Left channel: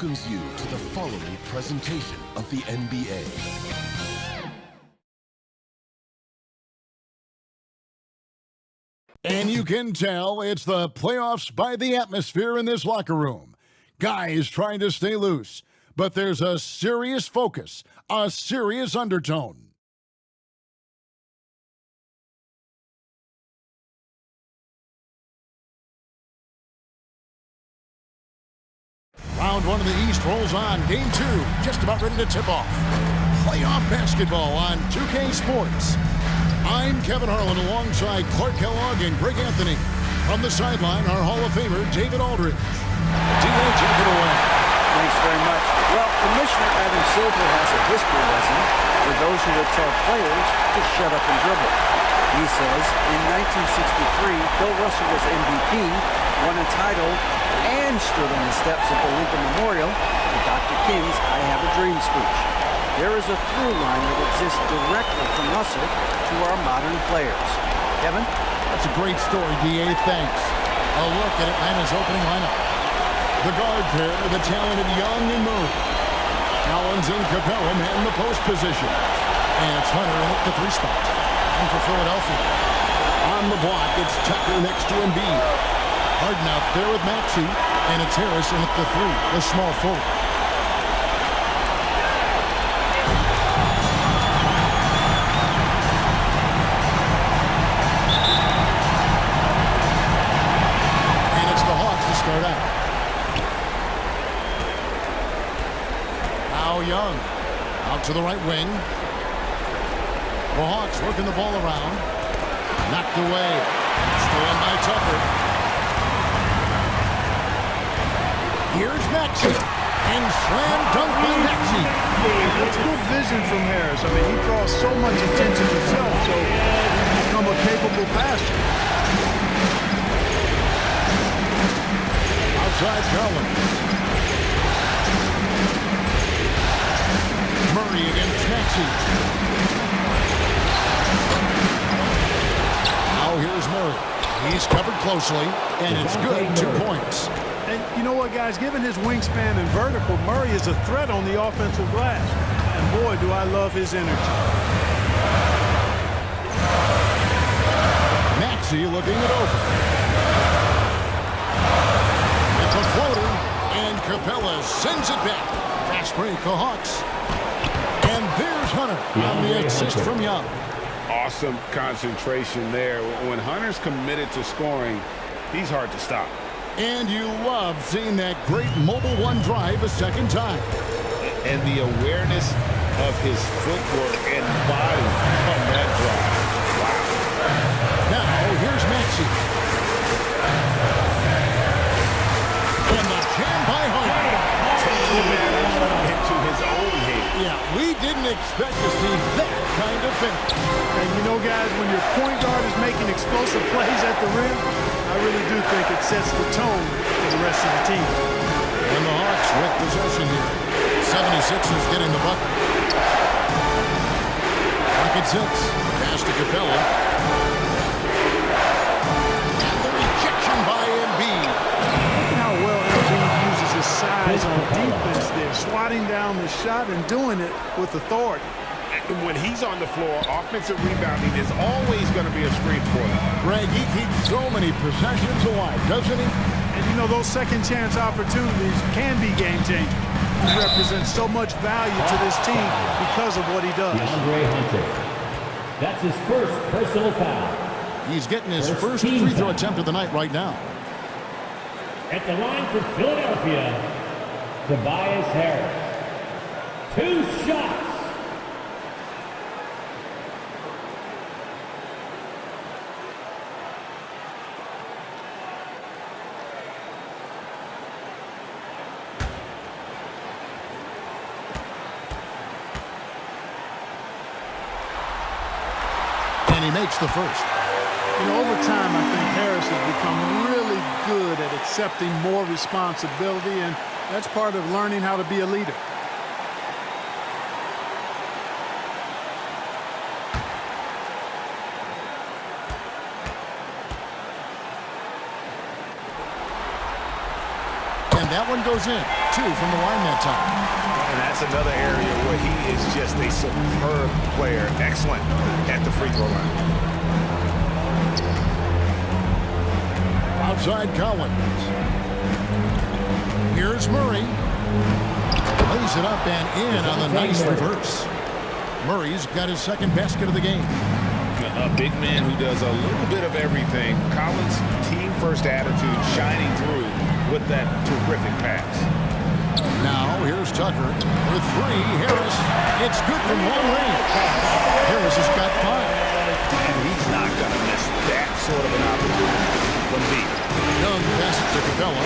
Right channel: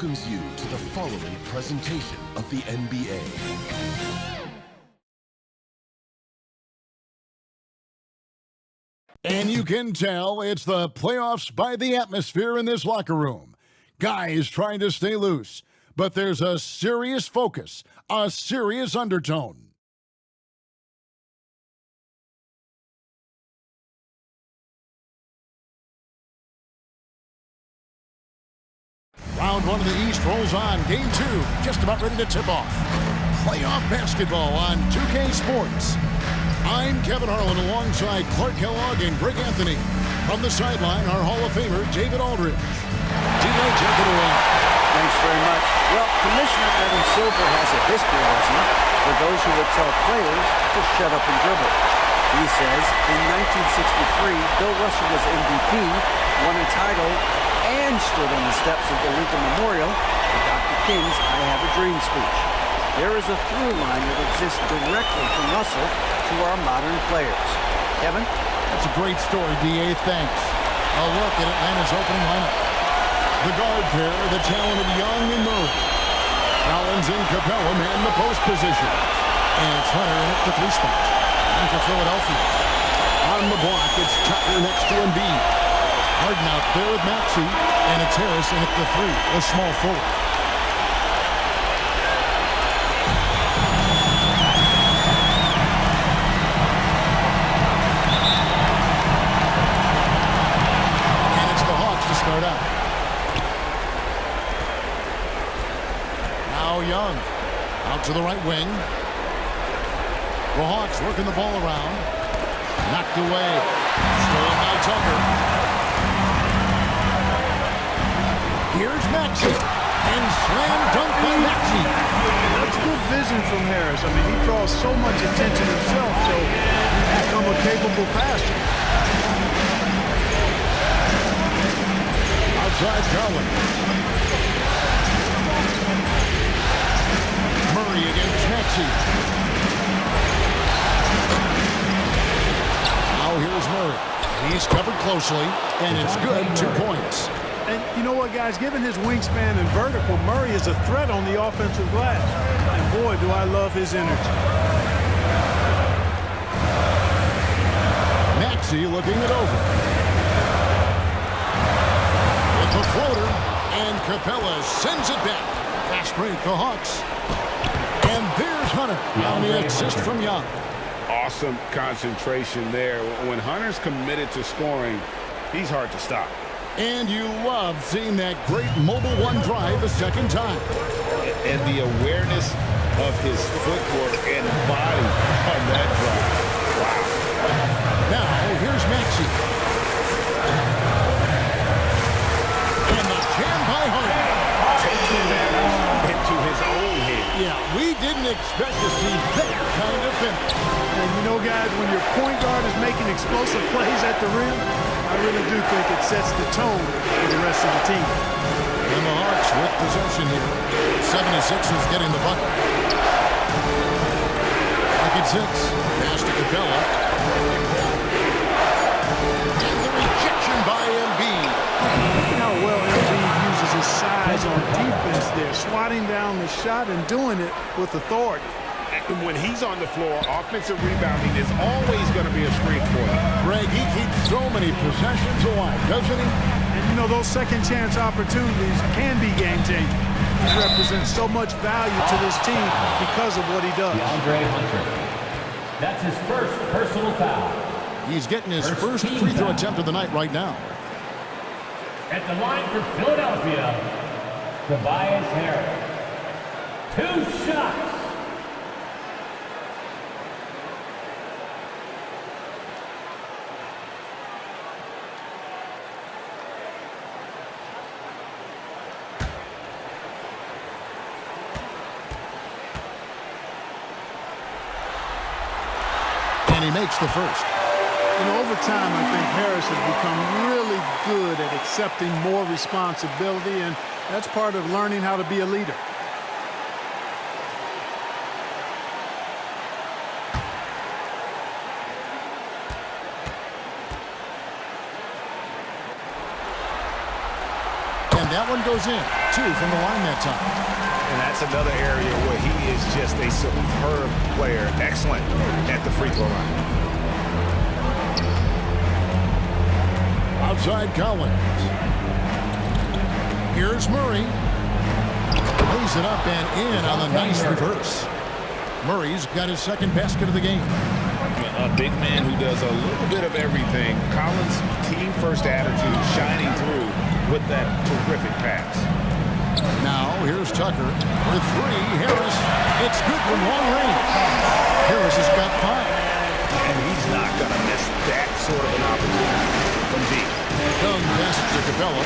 welcomes you to the following presentation of the NBA. And you can tell it's the playoffs by the atmosphere in this locker room. Guys trying to stay loose, but there's a serious focus, a serious undertone. Round one of the East rolls on. Game two, just about ready to tip off. Playoff basketball on 2K Sports. I'm Kevin Harlan alongside Clark Kellogg and Greg Anthony. From the sideline, our Hall of Famer, David Aldridge. D.A., take it away. Thanks very much. Well, Commissioner Adam Silver has a history lesson for those who would tell players to shut up and dribble. He says, in 1963, Bill Russell was MVP, won a title, and stood on the steps of the Lincoln Memorial for Dr. King's I Have a Dream speech. There is a through line that exists directly from Russell to our modern players. Kevin? That's a great story, D.A. Thanks. A look at Atlanta's opening lineup. The guard pair, the talented Young and Murray. Collins and Capella man the post position. And it's Hunter in at the three spot. And for Philadelphia. On the block, it's Tucker next to Embiid. Harden out there with Maxey. And it's Harris in at the three, the small forward. To start out. Now Young out to the right wing. The Hawks working the ball around. Knocked away. Stolen by Tucker. Here's Maxey. And slam dunk by Maxey. That's good vision from Harris. I mean, he draws so much attention himself, so he's become a capable passer. Outside Collins. Murray against Maxey. Now here's Murray. He's covered closely, and it's good. 2 points. And you know what, guys? Given his wingspan and vertical, Murray is a threat on the offensive glass. And boy, do I love his energy. Maxey looking it over. A floater, and Capella sends it back. Fast break, the Hawks. And there's Hunter on the assist from Young. Awesome concentration there. When Hunter's committed to scoring, he's hard to stop. And you love seeing that great mobile one drive a second time. And the awareness of his footwork and body on that drive. Wow. Now, here's Maxey. Jam by Harden. Taking matters into his own hands. Yeah, we didn't expect to see that kind of finish. And you know, guys, when your point guard is making explosive plays at the rim, I really do think it sets the tone for the rest of the team. And the Hawks with possession here. 76ers getting the bucket. Clock at 6. Pass to Capella. And the rejection by Embiid. Look at how well Embiid uses his size on defense there, swatting down the shot and doing it with authority. And when he's on the floor, offensive rebounding is always going to be a strength for him. Greg, he keeps so many possessions alive, doesn't he? And you know, those second chance opportunities can be game changers. He represents so much value to this team because of what he does. DeAndre Hunter. That's his first personal foul. He's getting his first free throw attempt of the night right now. At the line for Philadelphia, Tobias Harris. 2 shots. And he makes the first. You know, over time, I think Harris has become really good at accepting more responsibility, and that's part of learning how to be a leader. And that one goes in. 2 from the line that time. And that's another area where he is just a superb player. Excellent at the free throw line. Outside Collins. Here's Murray. Lays it up and in on the nice reverse. Murray's got his second basket of the game. A big man who does a little bit of everything. Collins' team-first attitude shining through with that terrific pass. Now here's Tucker for 3. Harris. It's good from long range. Harris has got 5. And he's not going to miss that sort of an opportunity from deep. Young passes to Capella.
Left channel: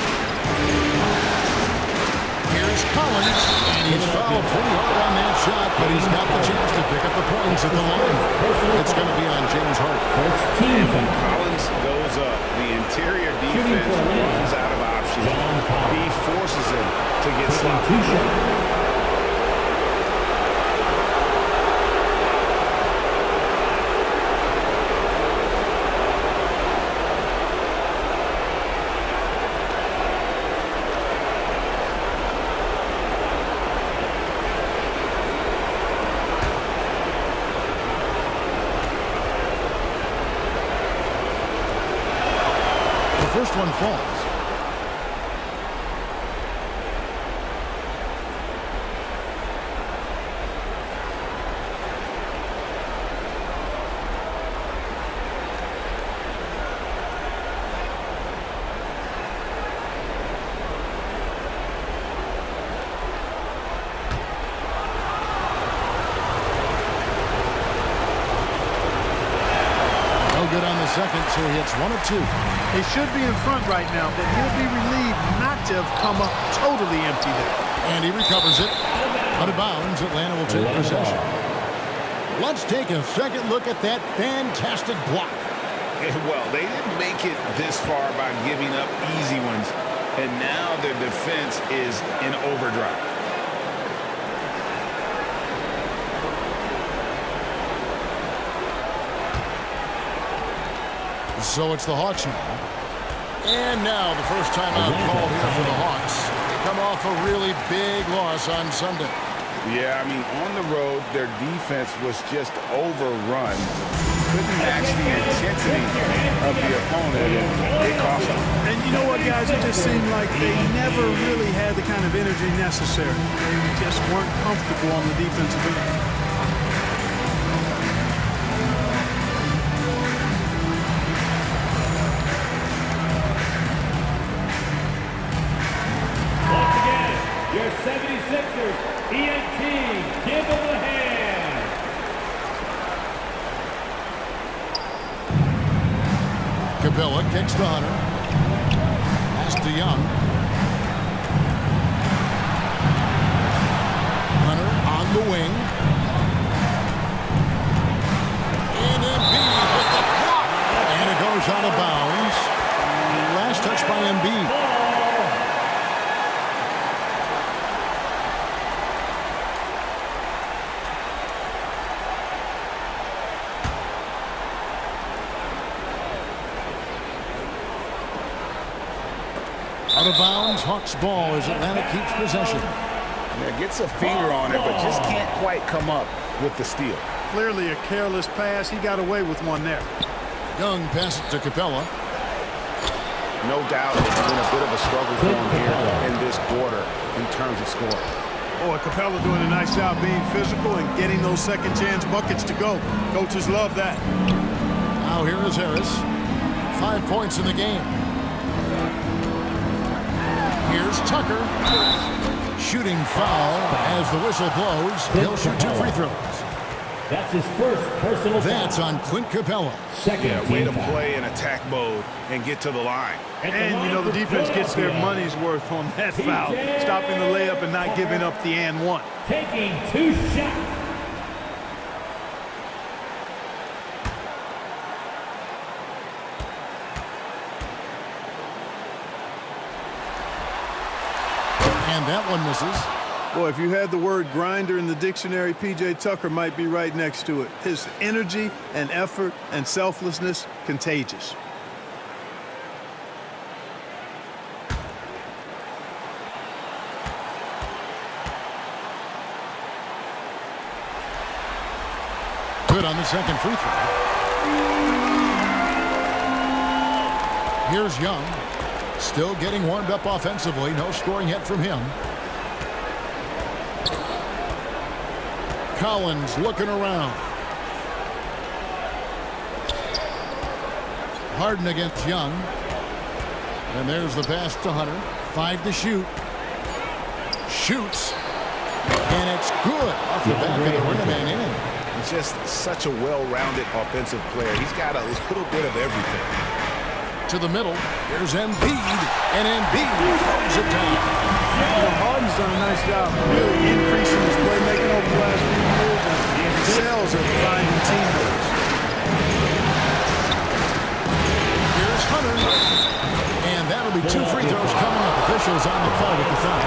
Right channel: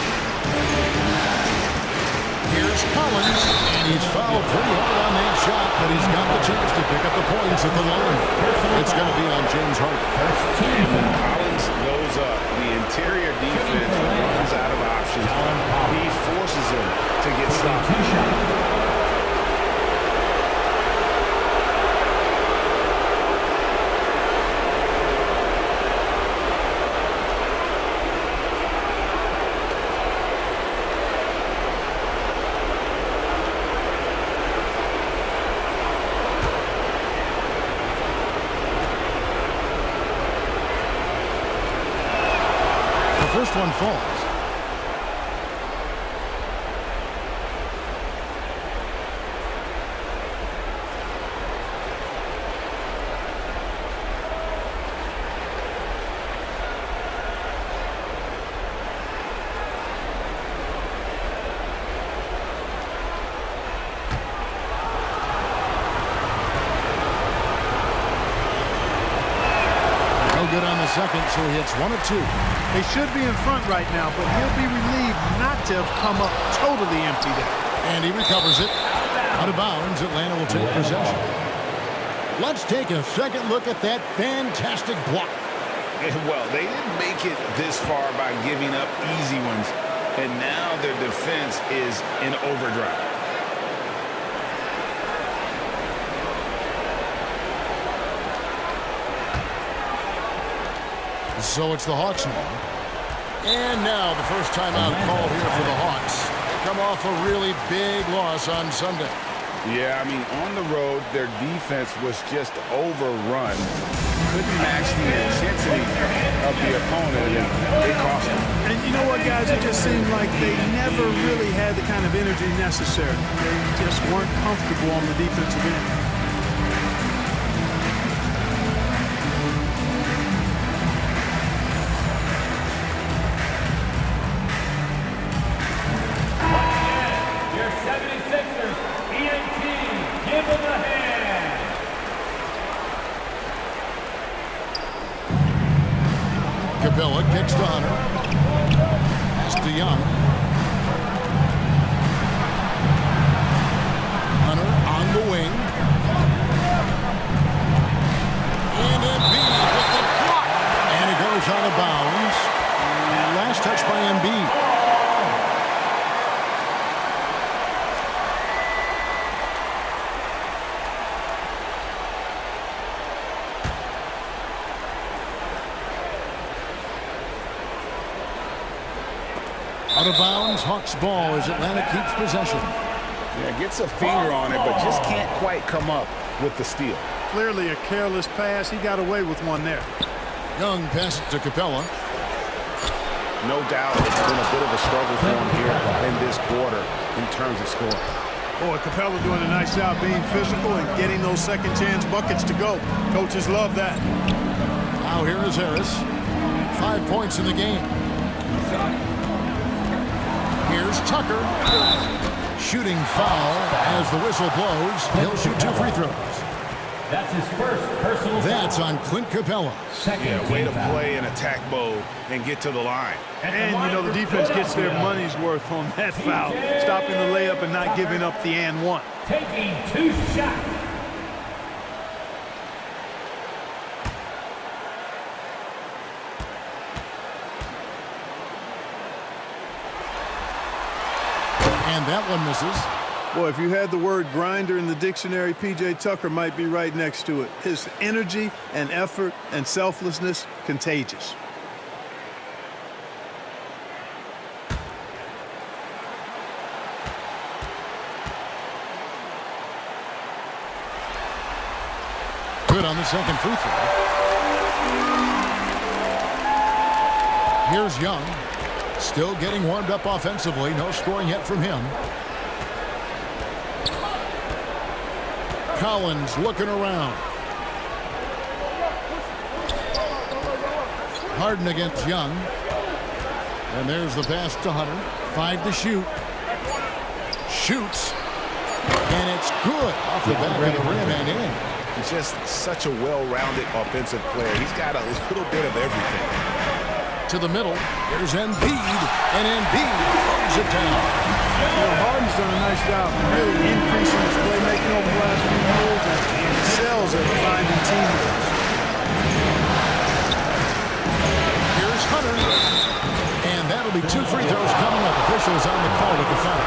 Here's Collins, and he's fouled pretty hard on that shot, but he's got the chance to pick up the points at the line. It's going to be on James Harden. And when Collins goes up, the interior defense runs out of options. He forces him to get sloppy. First one falls. No good on the second, so he hits 1 of 2. They should be in front right now, but he'll be relieved not to have come up totally empty there. And he recovers it. Out of bounds, Atlanta will take possession. Let's take a second look at that fantastic block. Well, they didn't make it this far by giving up easy ones, and now their defense is in overdrive. So it's the Hawks now. And now the first timeout called here for the Hawks. They come off a really big loss on Sunday. Yeah, I mean, on the road, their defense was just overrun. Couldn't match the intensity of the opponent, and it cost them. And you know what, guys? It just seemed like they never really had the kind of energy necessary. They just weren't comfortable on the defensive end. Your 76ers, ENT, give them a hand. Capella kicks to Hunter. Pass to Young. Hunter on the wing. And Embiid with the block. And it goes out of bounds. Last touch by Embiid. Out of bounds, Hawks ball as Atlanta keeps possession. Yeah, gets a finger on it, but just can't quite come up with the steal. Clearly a careless pass. He got away with one there. Young passes to Capella. No doubt it's been a bit of a struggle for him here in this quarter in terms of scoring. Boy, Capella doing a nice job being physical and getting those second chance buckets to go. Coaches love that. Now here is Harris. 5 points in the game. Here's Tucker. Shooting foul as the whistle blows. He'll shoot 2 free throws. That's his first personal foul. That's on Clint Capella. Yeah, way to play in attack mode and get to the line. And, you know, the defense gets their money's worth on that foul. Stopping the layup and not giving up the and one. Taking 2 shots. And that one misses. Boy, if you had the word grinder in the dictionary, P.J. Tucker might be right next to it. His energy and effort and selflessness, contagious. Good on the second free throw. Here's Young. Still getting warmed up offensively. No scoring yet from him. Collins looking around. Harden against Young. And there's the pass to Hunter. 5 to shoot. Shoots. And it's good off the back of the rim and in. He's just such a well-rounded offensive player. He's got a little bit of everything. To the middle. Here's Embiid. And Embiid throws it down. You know, Harden's done a nice job really increasing his playmaking over the last few years and excels at finding teammates. Here's Hunter. And that'll be 2 free throws coming up. Officials on the call with the foul.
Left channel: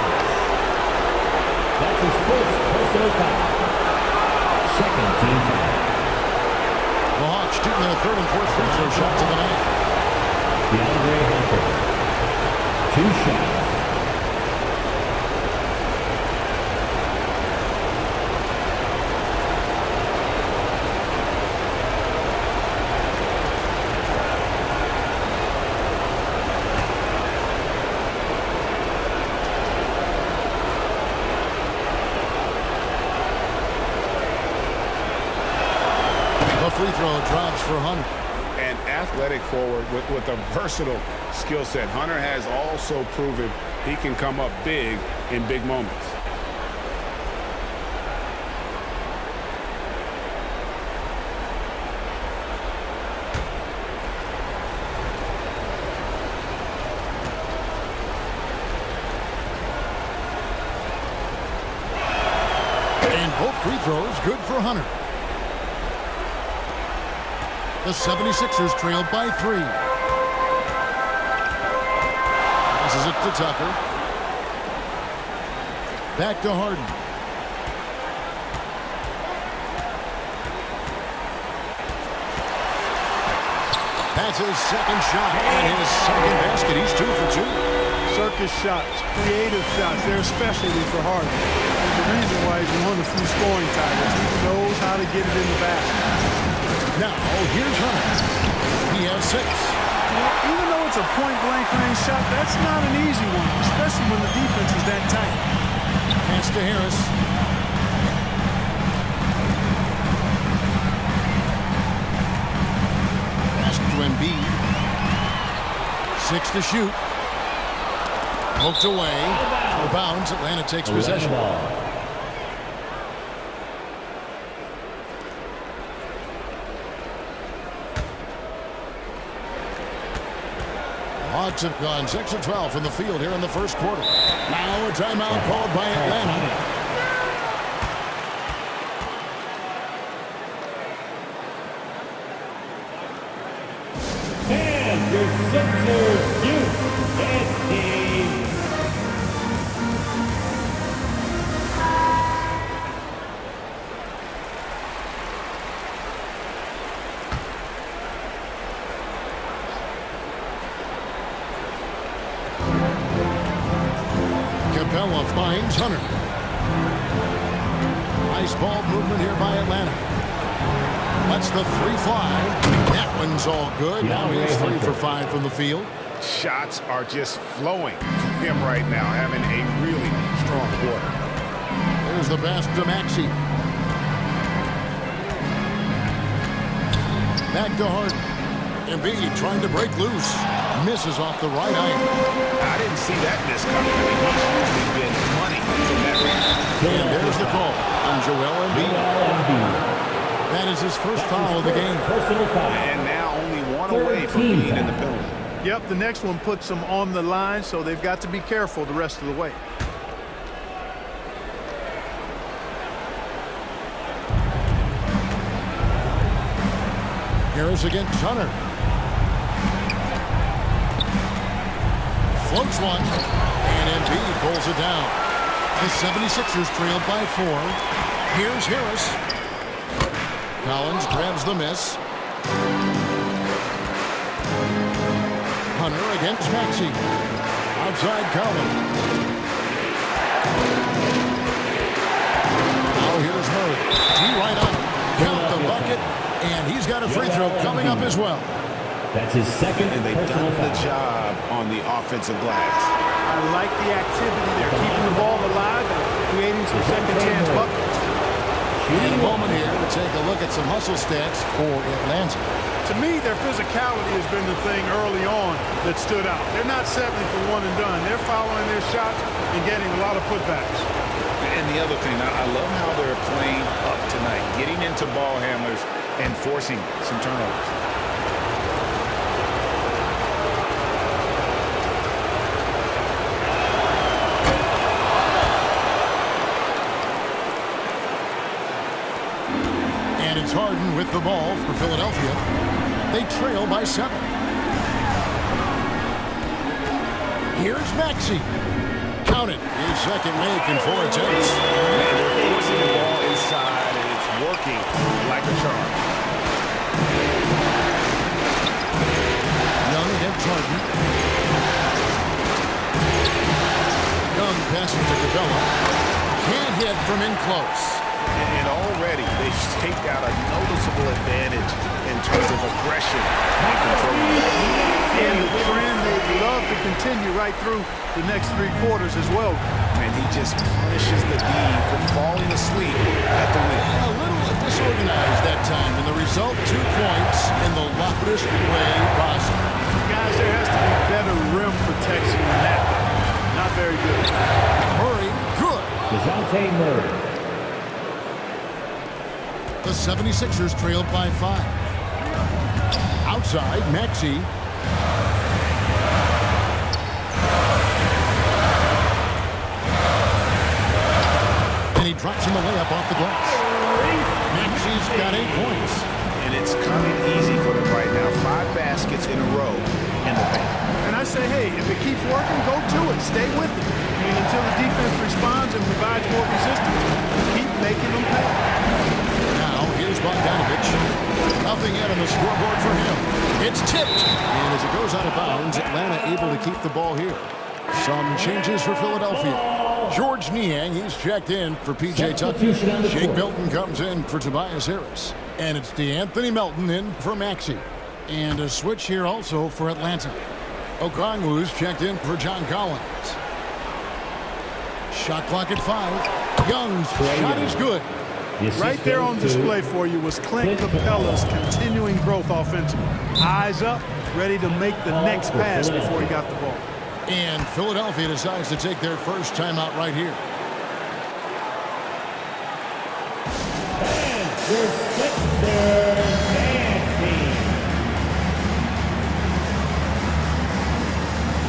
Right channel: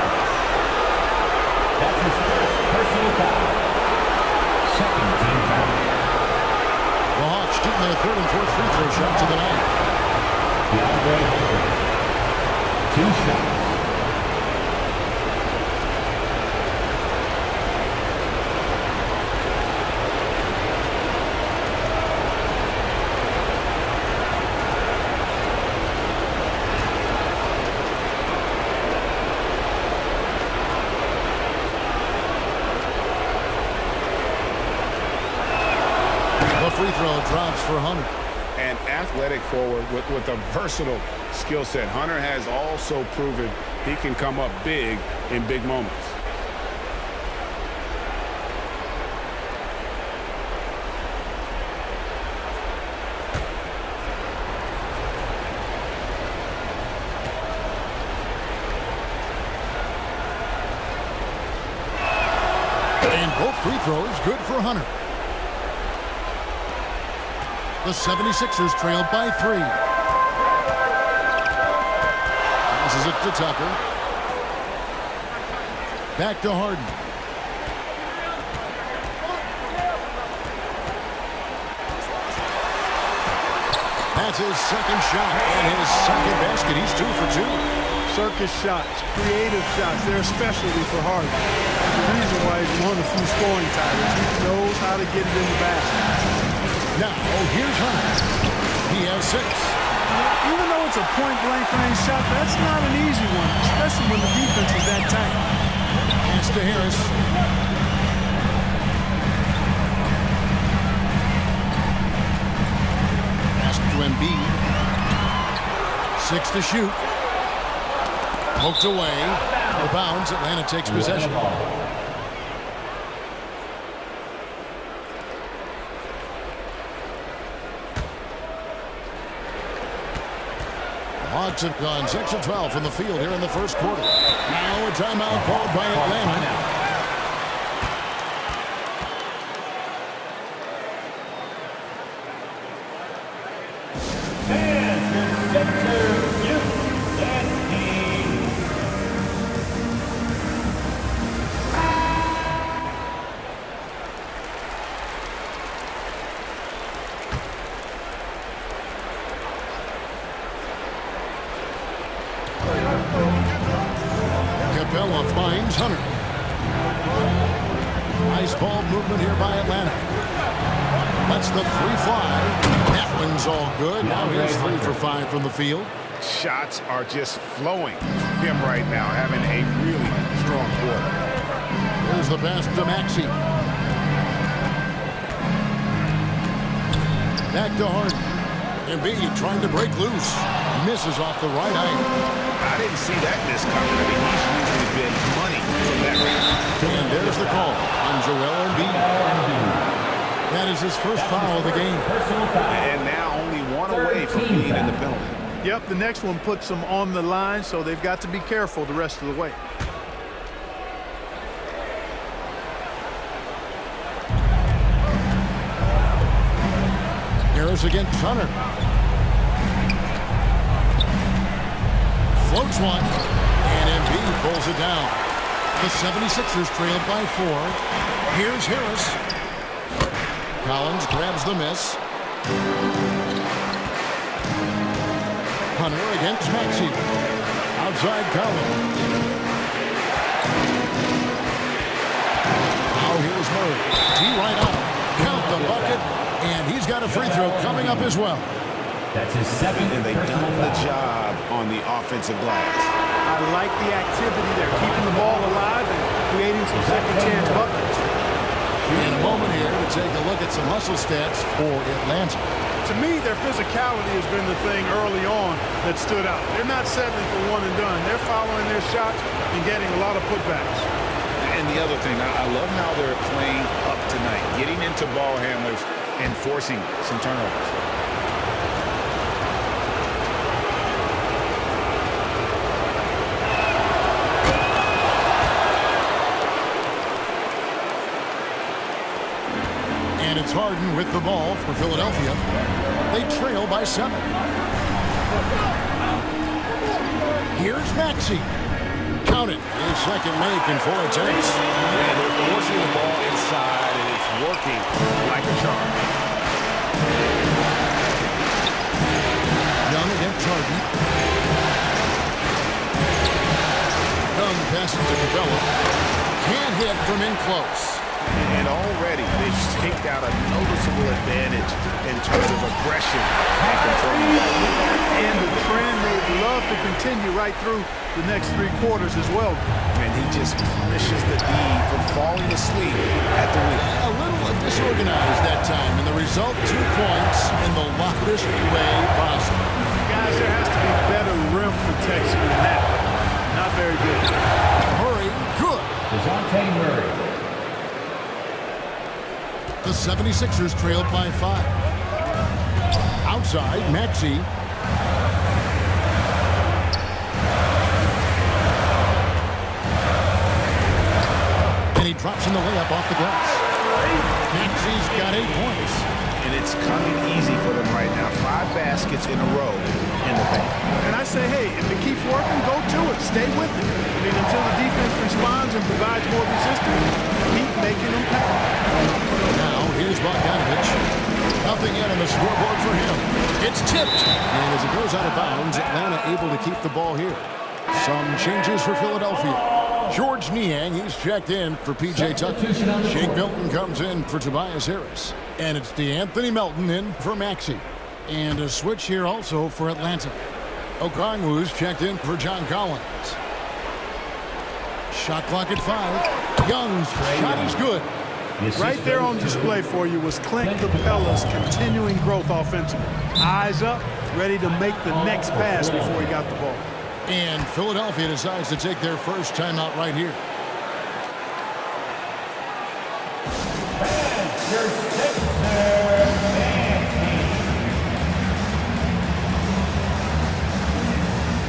That's his first personal foul. Second team foul. The Hawks shooting their 3rd and 4th free throw shots of the night. DeAndre Hunter. 2 shots. The free throw drops for Hunter. An athletic forward with a versatile skill set. Hunter has also proven he can come up big in big moments. And both free throws good for Hunter. The 76ers trailed by 3. Passes it to Tucker. Back to Harden. That's his second shot and his second basket. He's 2 for 2. Circus shots, creative shots, they're a specialty for Harden. There's a reason why he's won a few scoring titles. He knows how to get it in the basket. Now, here's Hunter. He has 6. You know, even though it's a point-blank range shot, that's not an easy one, especially when the defense is that tight. Pass to Harris. Pass to Embiid. 6 to shoot. Poked away. Out of bounds. Atlanta takes possession. Hawks have gone 6 of 12 from the field here in the first quarter. Now a timeout called by Atlanta. And your center, youth and team. Capella finds Hunter. Nice ball movement here by Atlanta. Lets the 3 fly. That one's all good. Now he's 3 for 5 from the field. Shots are just flowing from him right now, having a really strong quarter. There's the pass to Maxey. Back to Harden. Embiid trying to break loose. Misses off the right eye. I didn't see that miss coming. I mean, he's usually been money from that range. And there's the call on Joel Embiid. That is his first foul of the game. Personal foul. And now only 1 away from being in the penalty. Yep, the next one puts them on the line, so they've got to be careful the rest of the way. Harris against Hunter. Floats one, and Embiid pulls it down. The 76ers trailed by 4. Here's Harris. Collins grabs the miss. Hunter against Maxey. Outside Collins. Now here's Murray. D right on him. Count the the bucket, and he's got a free throw coming up as well. That's his second. And they've done the job on the offensive glass. I like the activity there, keeping the ball alive and creating some second chance buckets. In a moment here to take a look at some hustle stats for Atlanta. To me, their physicality has been the thing early on that stood out. They're not settling for one and done. They're following their shots and getting a lot of putbacks. And the other thing, I love how they're playing up tonight, getting into ball handlers and forcing some turnovers. And it's Harden with the ball for Philadelphia. They trail by 7. Here's Maxey. Count it. His second make in 4 attempts. And they're forcing the ball inside, and it's working like a charm. Young against Harden. Young passes to Capella. Can't hit from in close. And already they've staked out a noticeable advantage in terms of aggression and controlling the back. And the trend they'd love to continue right through the next 3 quarters as well. And he just punishes the D for falling asleep at the wheel. A little disorganized that time, and the result 2 points in the loudest way possible. Guys, there has to be better rim protection than that, though. Not very good. Murray, good. DeJounte Murray. The 76ers trailed by 5. Outside, Maxey. And he drops in the layup off the glass. Maxey's got 8 points. And it's coming easy for them right now. 5 baskets in a row in the paint. And I say, hey, if it keeps working, go to it. Stay with it. I mean, until the defense responds and provides more resistance, keep making them pay. Now, here's Bogdanovich. Nothing yet on the scoreboard for him. It's tipped. And as it goes out of bounds, Atlanta able to keep the ball here. Some changes for Philadelphia. George Niang, he's checked in for P.J. Tucker. Shake Milton comes in for Tobias Harris. And it's DeAnthony Melton in for Maxey. And a switch here also for Atlanta. Okongwu's checked in for John Collins. Shot clock at 5. Young's shot is good. Right there on display for you was Clint Capella's continuing growth offensively. Eyes up, ready to make the next pass before he got the ball. And Philadelphia decides to take their first timeout right here. And your Sixer man team.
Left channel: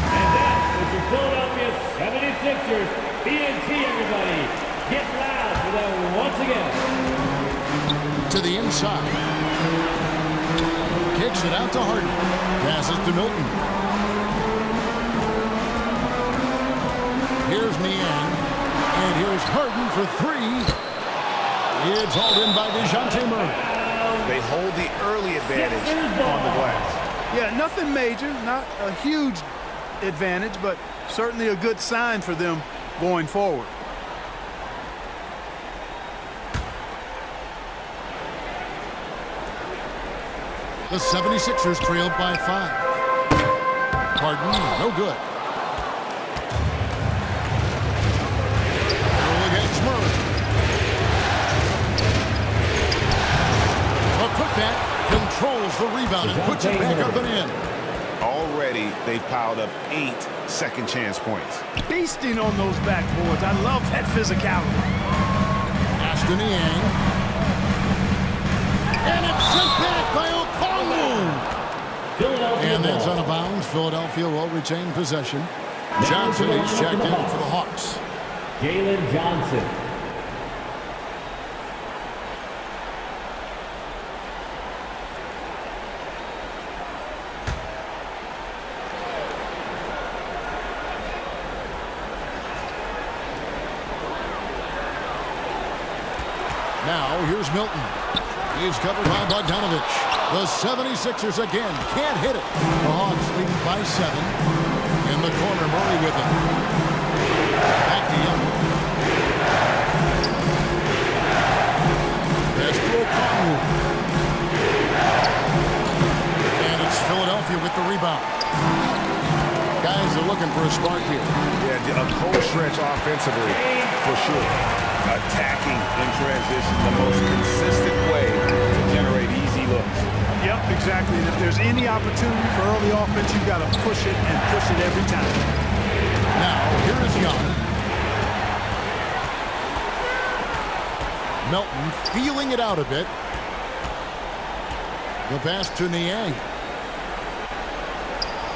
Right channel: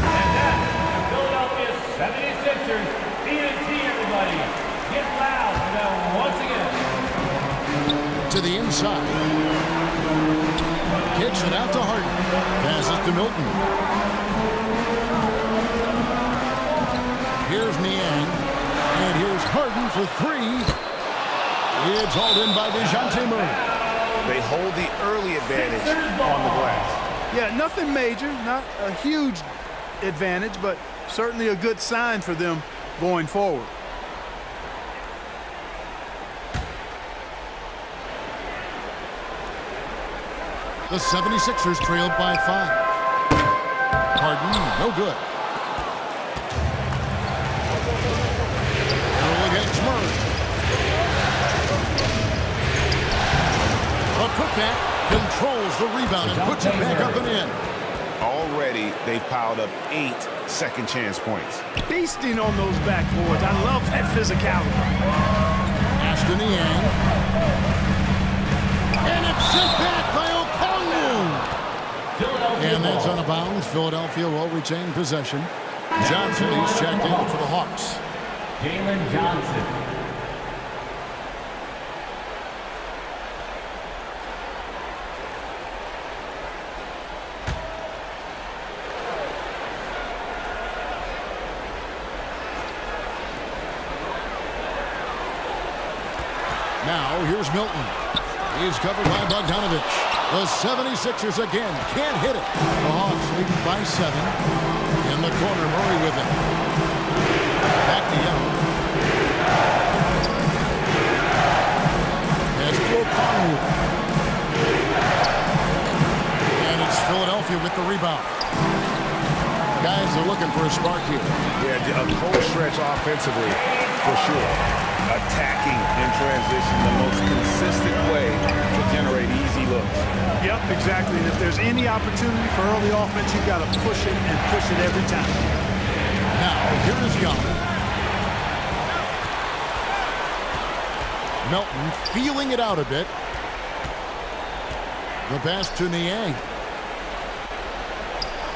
And that is your Philadelphia 76ers. BNT, everybody. Get loud for them once again. To the inside. Kicks it out to Harden. Passes to Milton. Here's Niang. And here's Harden for 3. It's hauled in by DeJounte Murray. They hold the early advantage on the glass. Yeah, nothing major, not a huge advantage, but certainly a good sign for them going forward. The 76ers trailed by 5. Harden, no good. Earl against Murray. A putback controls the rebound and puts it back up and in. Already, they've piled up 8 second chance points. Beasting on those backboards. I love that physicality. Ashton Niang. And it's sent back by Okongwu. And that's out of bounds. Philadelphia will retain possession. Johnson, he's checked in for the Hawks. Jalen Johnson. Now, here's Milton. He's covered by Bogdanovich. The 76ers again can't hit it. The Hawks leading by 7. In the corner, Murray with it. Back to Young. Pass to Okongwu. Philadelphia with the rebound. Guys are looking for a spark here. Yeah, a cold stretch offensively, for sure. Attacking in transition, the most consistent way to generate easy looks. Yep, exactly. And if there's any opportunity for early offense, you've got to push it and push it every time. Now, here is Young. Melton feeling it out a bit. The pass to Niang.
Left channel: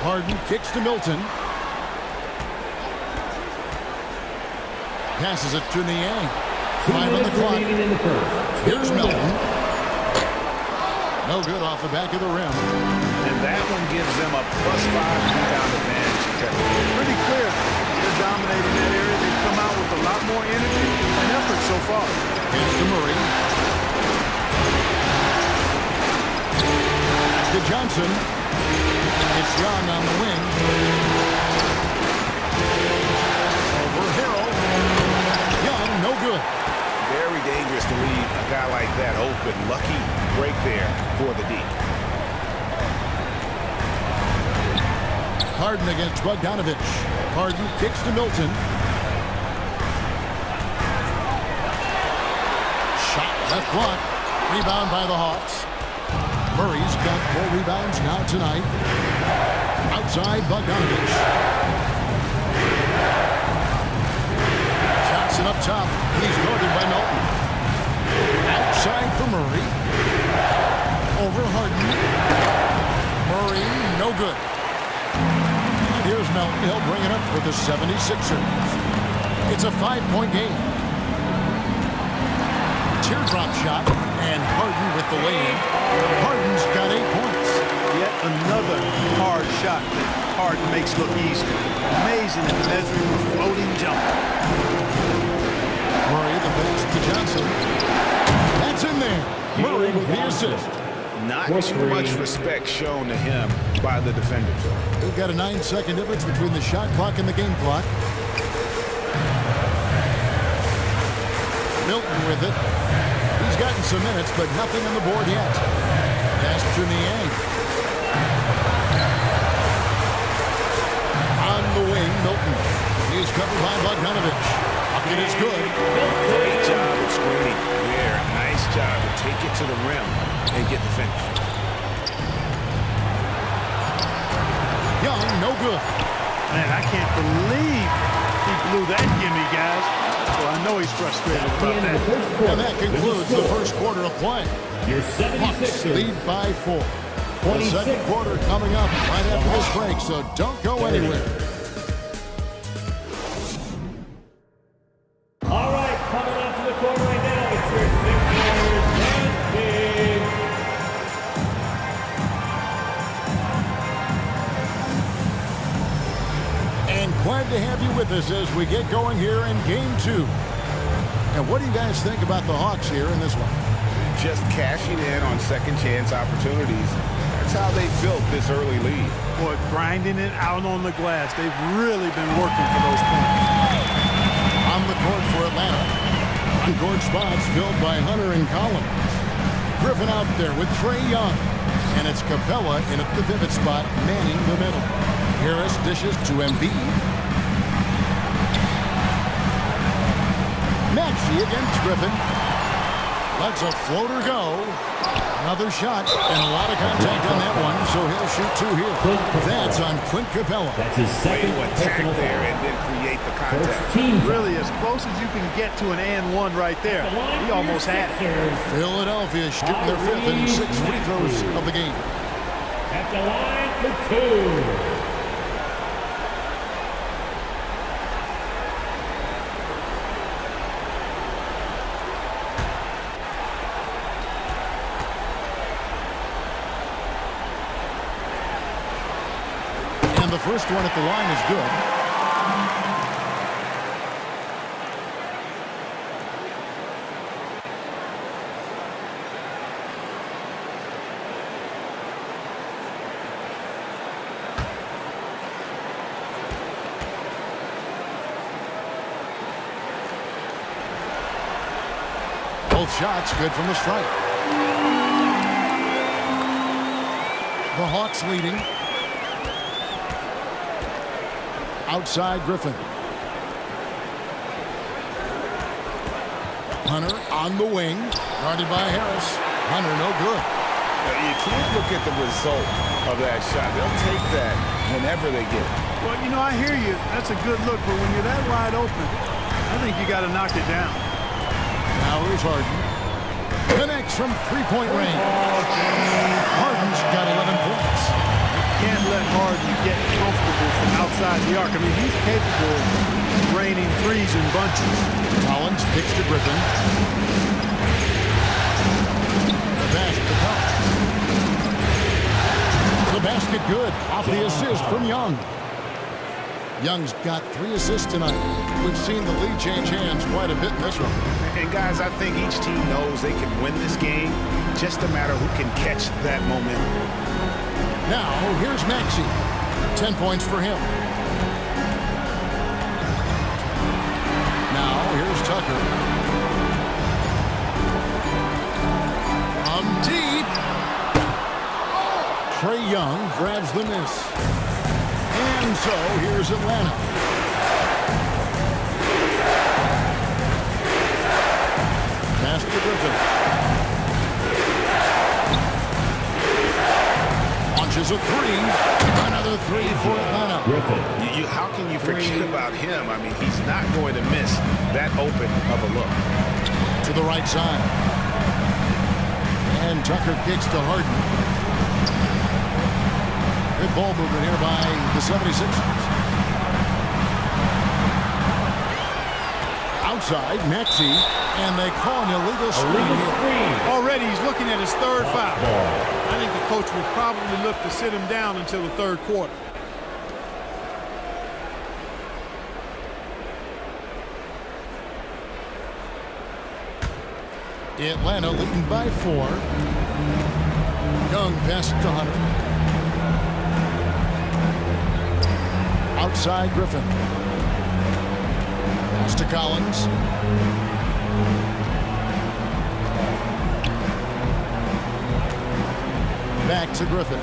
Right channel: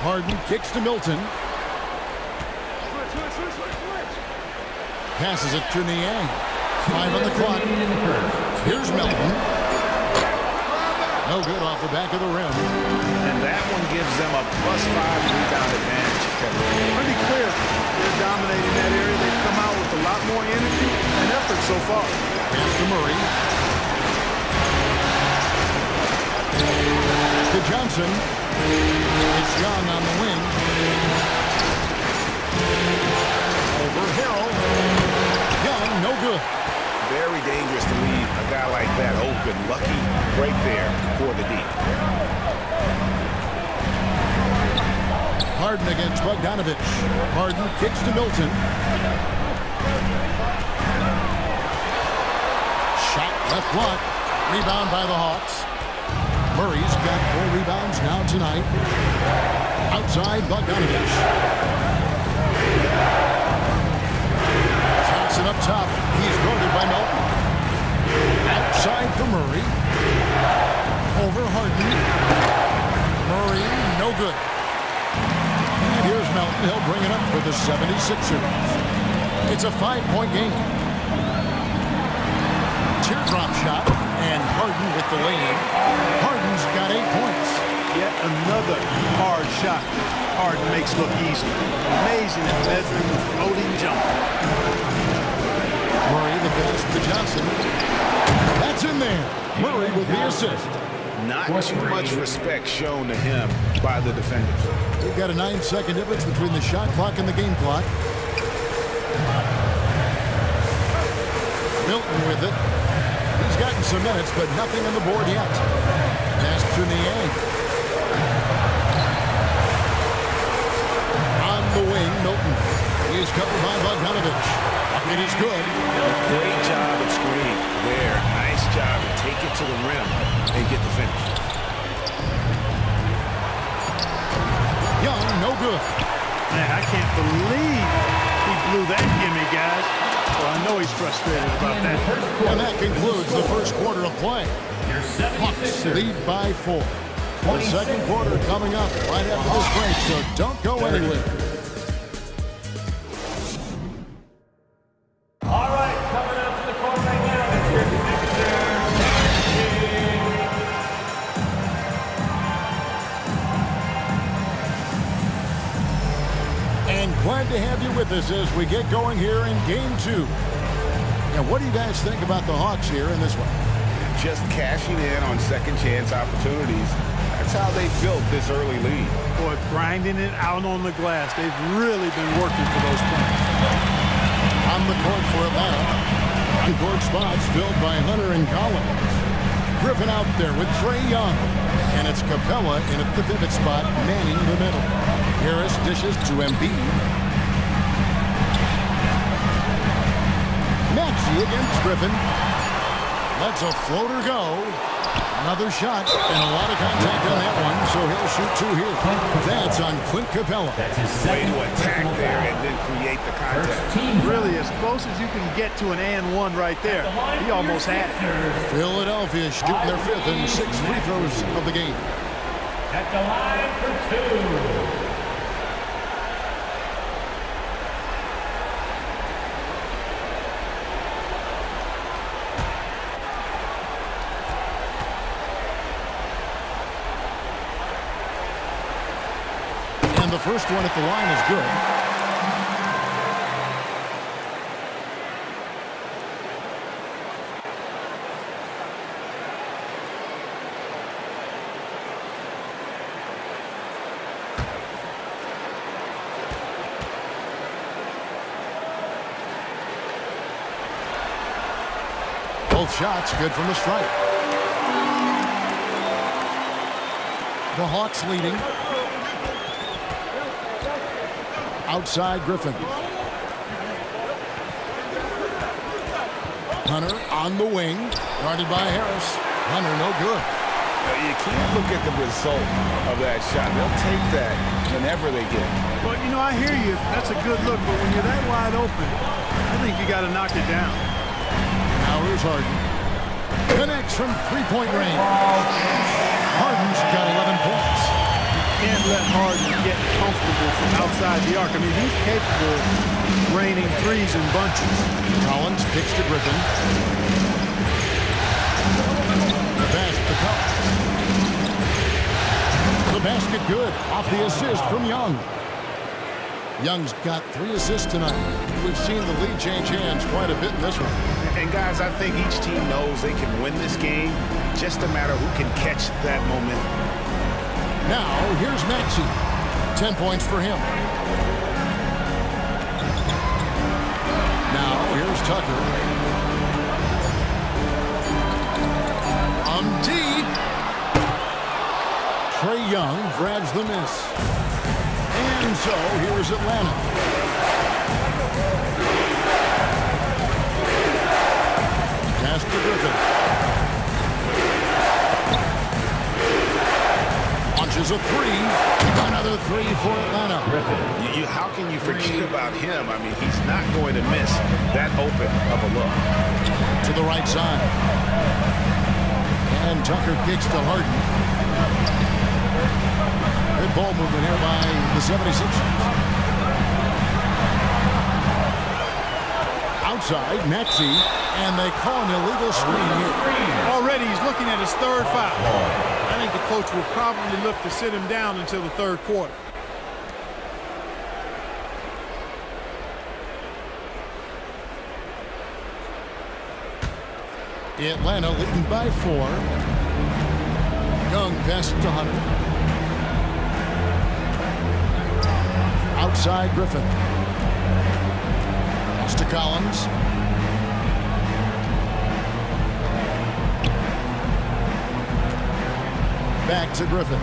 Harden kicks to Milton. Passes it to Niang. 5 on the clock. Here's Melton. No good off the back of the rim. And that one gives them a +5 rebound advantage, Kevin. Pretty clear. They're dominating that area. They've come out with a lot more energy and effort so far. Pass to Murray. To Johnson. It's Young on the wing. Over Harrell. Young, no good. Very dangerous to leave a guy like that open. Lucky break there for the D. Harden against Bogdanovich. Harden kicks to Milton. Shot left block. Rebound by the Hawks. Murray's got 4 rebounds now tonight. Outside Bogdanovich. Johnson up top. He's guarded by Melton. Outside for Murray. Over Harden. Murray, no good. And here's Melton. He'll bring it up for the 76ers. It's a 5-point game. Teardrop shot. And Harden with the lay-in. Harden's got 8 points. Yet another hard shot that Harden makes look easy. Amazing at measuring the floating jumper. Murray the pass to Johnson. That's in there. Murray with the assist. Not too much respect shown to him by the defenders. We've got a 9-second difference between the shot clock and the game clock. Milton with it. He's gotten some minutes, but nothing on the board yet. Pass to Niang. On the wing, Milton. He's covered by Bogdanovich. Bucket is good. Great job of screening there. Nice job to take it to the rim and get the finish. Young, no good. Man, I can't believe he blew that gimme, guys. Well, I know he's frustrated about that. And that concludes the first quarter of play. Your Hawks 76ers. lead by 4. The second quarter coming up right after this break, so don't go anywhere. All right, coming out to the court right now, it's your Sixers team. And glad to have you with us as we get going here in Game 2. And what do you guys think about the Hawks here in this one? Just cashing in on second chance opportunities. That's how they built this early lead. Boy, grinding it out on the glass. They've really been working for those points. On the court for Atlanta. On-court spots filled by Hunter and Collins. Griffin out there with Trae Young. And it's Capella in at the pivot spot, manning the middle. Harris dishes to Embiid. Maxey against Griffin. Lets a floater go. Another shot and a lot of contact on that one, so he'll shoot 2 here. That's on Clint Capella. That's his Way second to attack personal there foul. and then create the contact. Team foul. Really, as close as you can get to an and one right there. He almost had it. Sixers. Philadelphia shooting their 5th and 6th free throws of the game. At the line for 2. And the first one at the line is good. Both shots good from the stripe. The Hawks leading outside Griffin. Hunter on the wing, guarded by Harris. Hunter, no good. Now, you can't look at the result of that shot. They'll take that whenever they get it. Well, you know, I hear you. That's a good look, but when you're that wide open, I think you got to knock it down. Now here's Harden. Connects from three-point range. Harden's got 11 points. You can't let Harden get comfortable from outside the arc. I mean, he's capable of raining threes in bunches. Collins kicks to Griffin. The pass to Collins. The basket good. Off the assist from Young. Young's got 3 assists tonight. We've seen the lead change hands quite a bit in this one. And guys, I think each team knows they can win this game. Just a matter who can catch that momentum. Now, here's Maxey. 10 points for him. Now, here's Tucker. From deep. Trae Young grabs the miss. And so, here's Atlanta. Pass to Griffin. Launches a 3. Another 3 for Atlanta. Griffin. How can you forget about him? I mean, he's not going to miss that open of a look. To the right side. And Tucker kicks to Harden. Good ball movement here by the 76ers. Outside, Maxey, and they call an illegal screen here. Already he's looking at his third foul. I think the coach will probably look to sit him down until the third quarter. Atlanta leading by 4. Young passes to Hunter. Outside Griffin. Pass to Collins. Back to Griffin.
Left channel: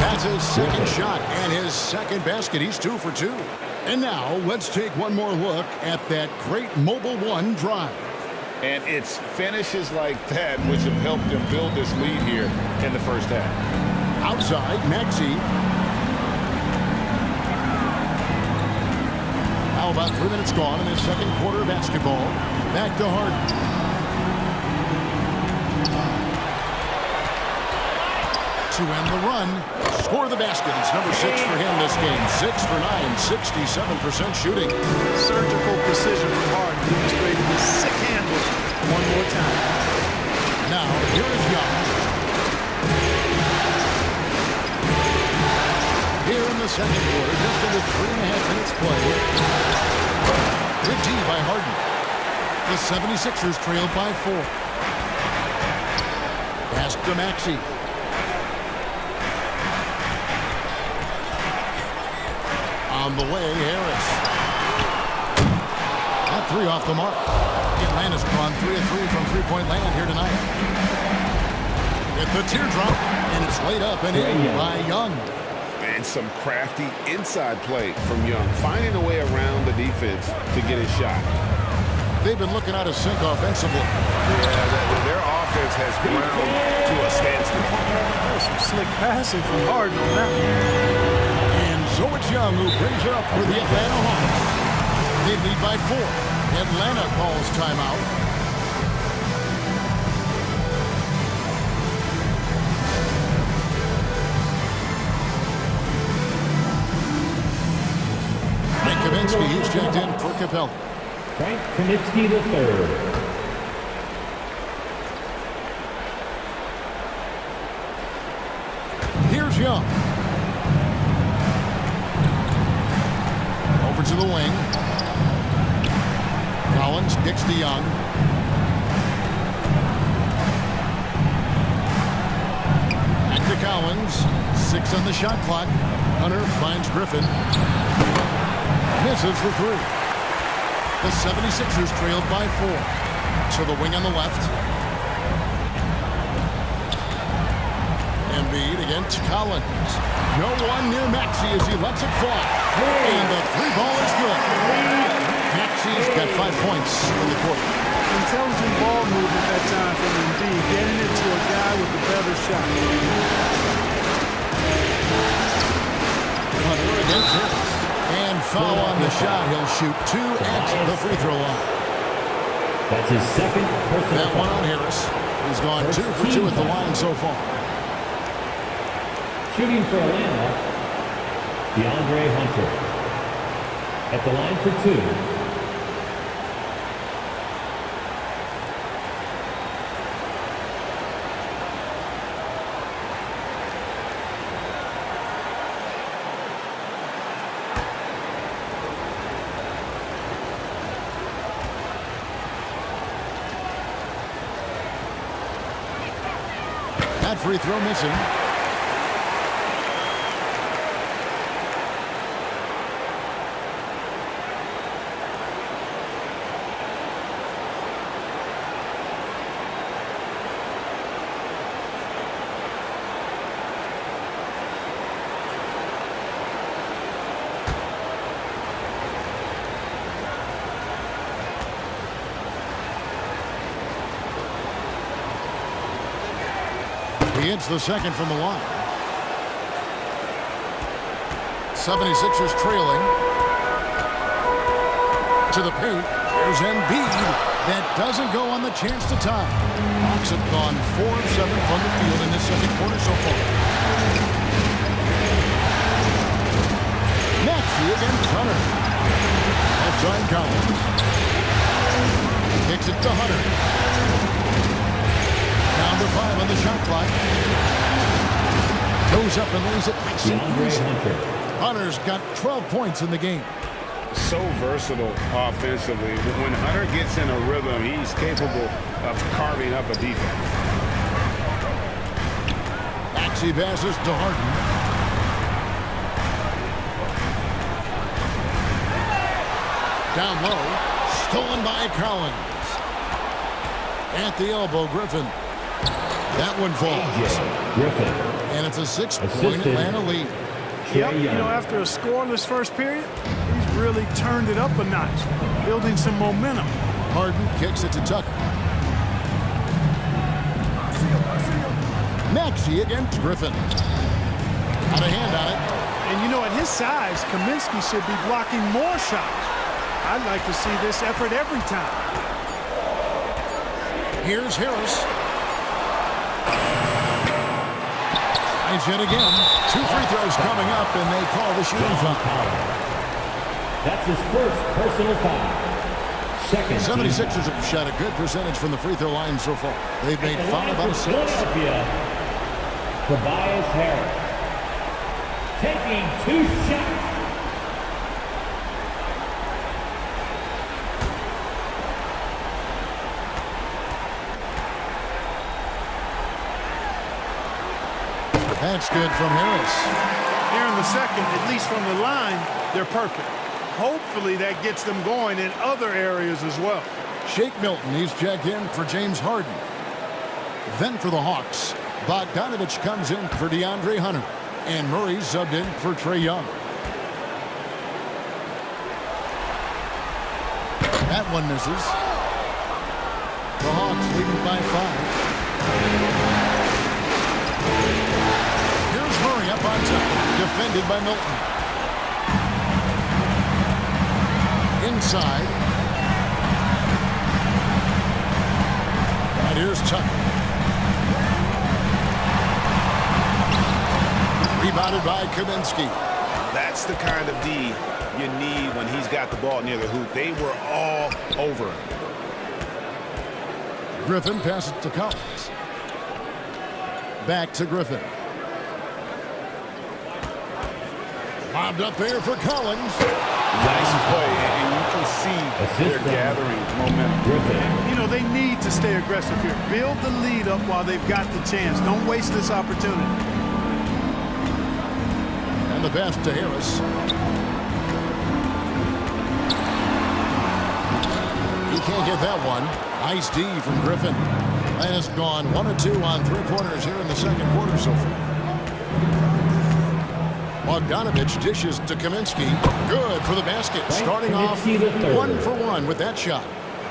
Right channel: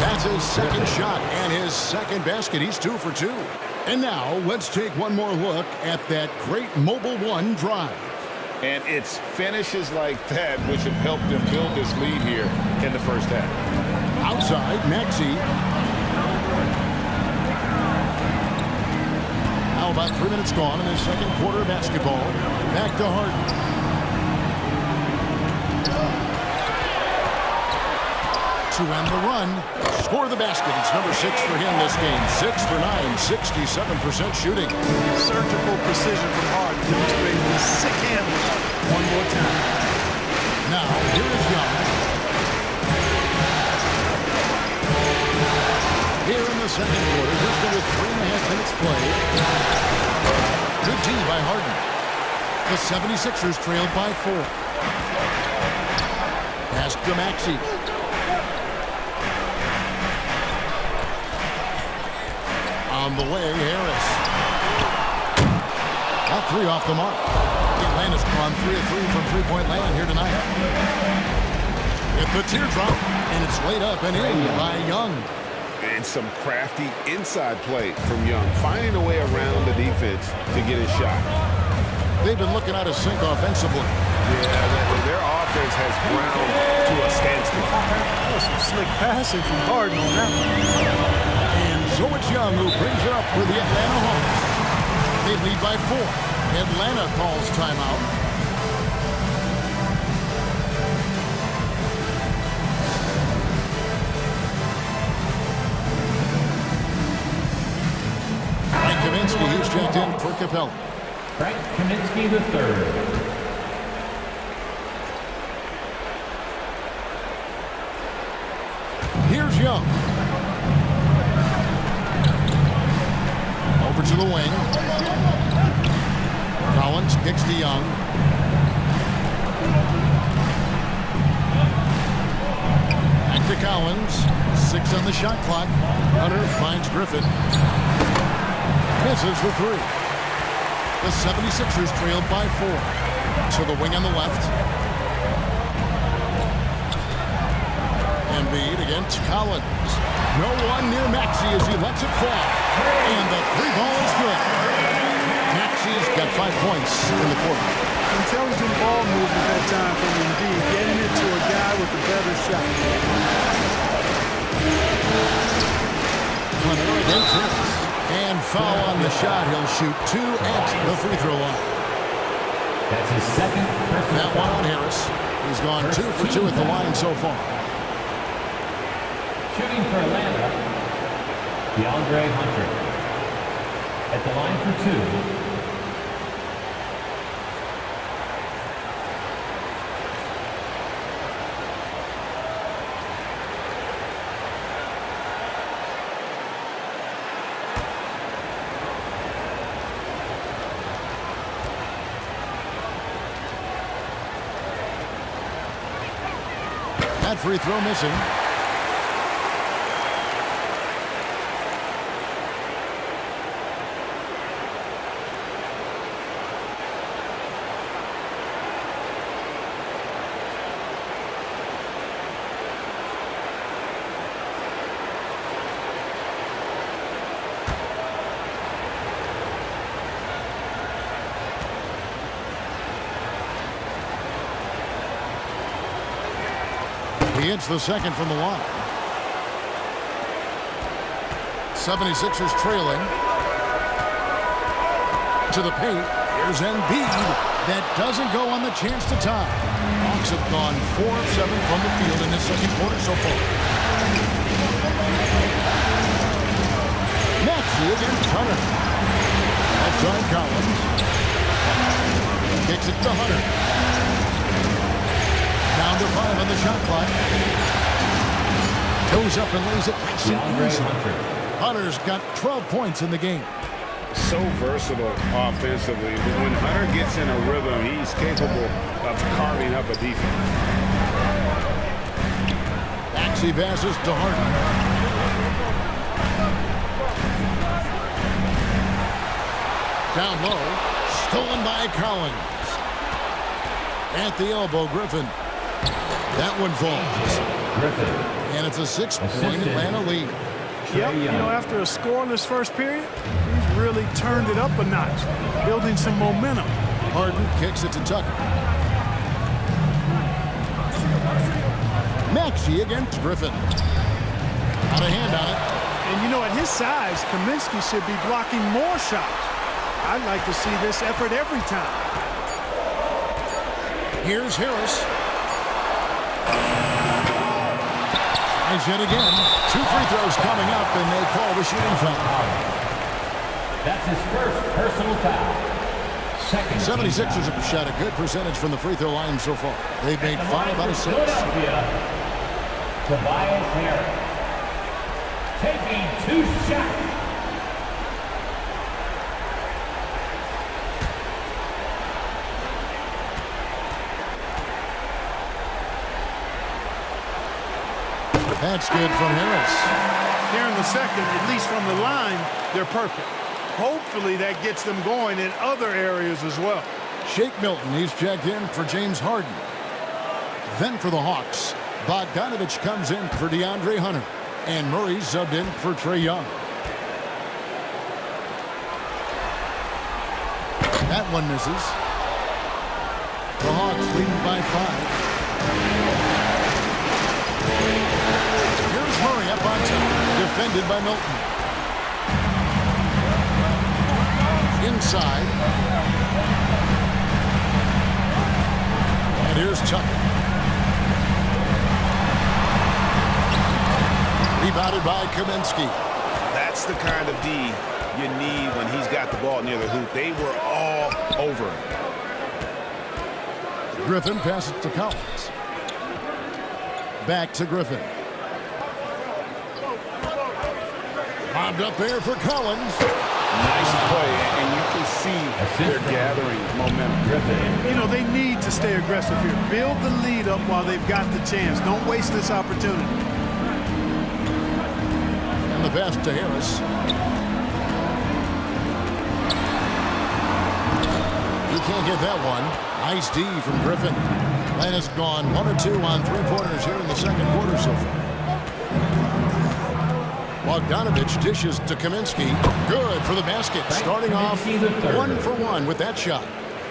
That's his second shot and his second basket. He's 2 for 2. And now let's take one more look at that great Mobile One drive. And it's finishes like that which have helped them build this lead here in the first half. Outside, Maxey. Now about 3 minutes gone in this second quarter of basketball. Back to Harden. To end the run, score the basket. It's number 6 for him this game. 6 for 9, 67% shooting. Surgical precision from Harden, demonstrating his sick handle one more time. Now, here is Young. Here in the second quarter, just under 3.5 minutes played. Good D by Harden. The 76ers trailed by 4. Pass to Maxey. On the way, Harris. That 3 off the mark. Atlanta's gone 3 of 3 from three-point land here tonight. With the teardrop, and it's laid up and in by Young. And some crafty inside play from Young, finding a way around the defense to get his shot. They've been looking out of sync offensively. Yeah, their offense has ground to a standstill. That was some slick passing from Harden on that one. And so it's Young who brings it up for the Atlanta Hawks. They lead by 4. Atlanta calls timeout. Frank Kaminsky, he's checked in for Capella. Frank Kaminsky III. Here's Young. Over to the wing. Collins kicks to Young. Back to Collins. 6 on the shot clock. Hunter finds Griffin. Misses the 3. The 76ers trailed by 4. To the wing on the left. Embiid against Collins. No one near Maxey as he lets it fly. And the three ball is good. Maxey's got 5 points in the quarter. Intelligent ball movement that time from Embiid, getting it to a guy with a better shot. Hunter against Harris. And foul on the shot. He'll shoot 2 at the free throw line. That's his second personal That one on Harris. He's gone 2 for 2 at the line so far. Shooting for Atlanta, DeAndre Hunter. At the line for 2. That free throw missing. He hits the second from the line. 76ers trailing. To the paint. Here's Embiid. That doesn't go on the chance to tie. Hawks have gone 4 of 7 from the field in this second quarter so far. Maxey against Hunter. Outside Collins. Kicks it to Hunter. Down to 5 on the shot clock. Goes up and lays it nice and easy. Hunter's got 12 points in the game. So versatile offensively. When Hunter gets in a rhythm, he's capable of carving up a defense. Maxey passes to Harden. Down low. Stolen by Collins. At the elbow, Griffin. That one falls. Griffin. And it's a 6-point Atlanta lead. Yep, you know, after a scoreless first period, he's really turned it up a notch, building some momentum. Harden kicks it to Tucker. Maxey against Griffin. Got a hand on it. And you know, at his size, Kaminsky should be blocking more shots. I'd like to see this effort every time. Here's Harris. Tries yet again. 2 free throws coming up, and they call the shooting foul. That's his first personal foul. Second. 76ers have shot a good percentage from the free throw line so far. They've made 5 out of 6. Philadelphia, Tobias Harris. Taking 2 shots. That's good from Harris. Here in the second, at least from the line, they're perfect. Hopefully that gets them going in other areas as well. Shake Milton, he's checked in for James Harden. Then for the Hawks, Bogdanovich comes in for DeAndre Hunter. And Murray subbed in for Trae Young. That one misses. The Hawks leading by 5. Here's Murray up on top, defended by Milton. Inside. And here's Tucker. Rebounded by Kaminsky. That's the kind of D you need when he's got the ball near the hoop. They were all over him. Griffin passes to Collins. Back to Griffin. Bobbed up there for Collins. Nice play, and you can see they're gathering momentum. Griffin. You know, they need to stay aggressive here. Build the lead up while they've got the chance. Don't waste this opportunity. And the pass to Harris. He can't get that one. Nice D from Griffin. Atlanta's gone 1 or 2 on 3-pointers here in the second quarter so far. Bogdanovich dishes to Kaminsky. Good for the basket. Starting off 1 for 1 with that shot.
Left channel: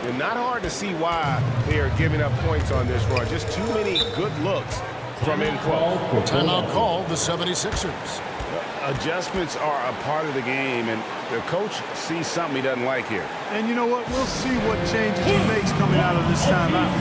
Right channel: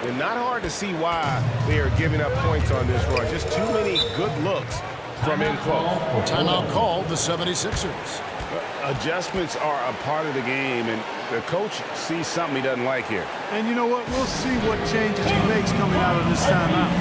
And not hard to see why they are giving up points on this run. Just too many good looks from in close. Timeout called the 76ers. Adjustments are a part of the game, and the coach sees something he doesn't like here. And you know what? We'll see what changes he makes coming out of this timeout.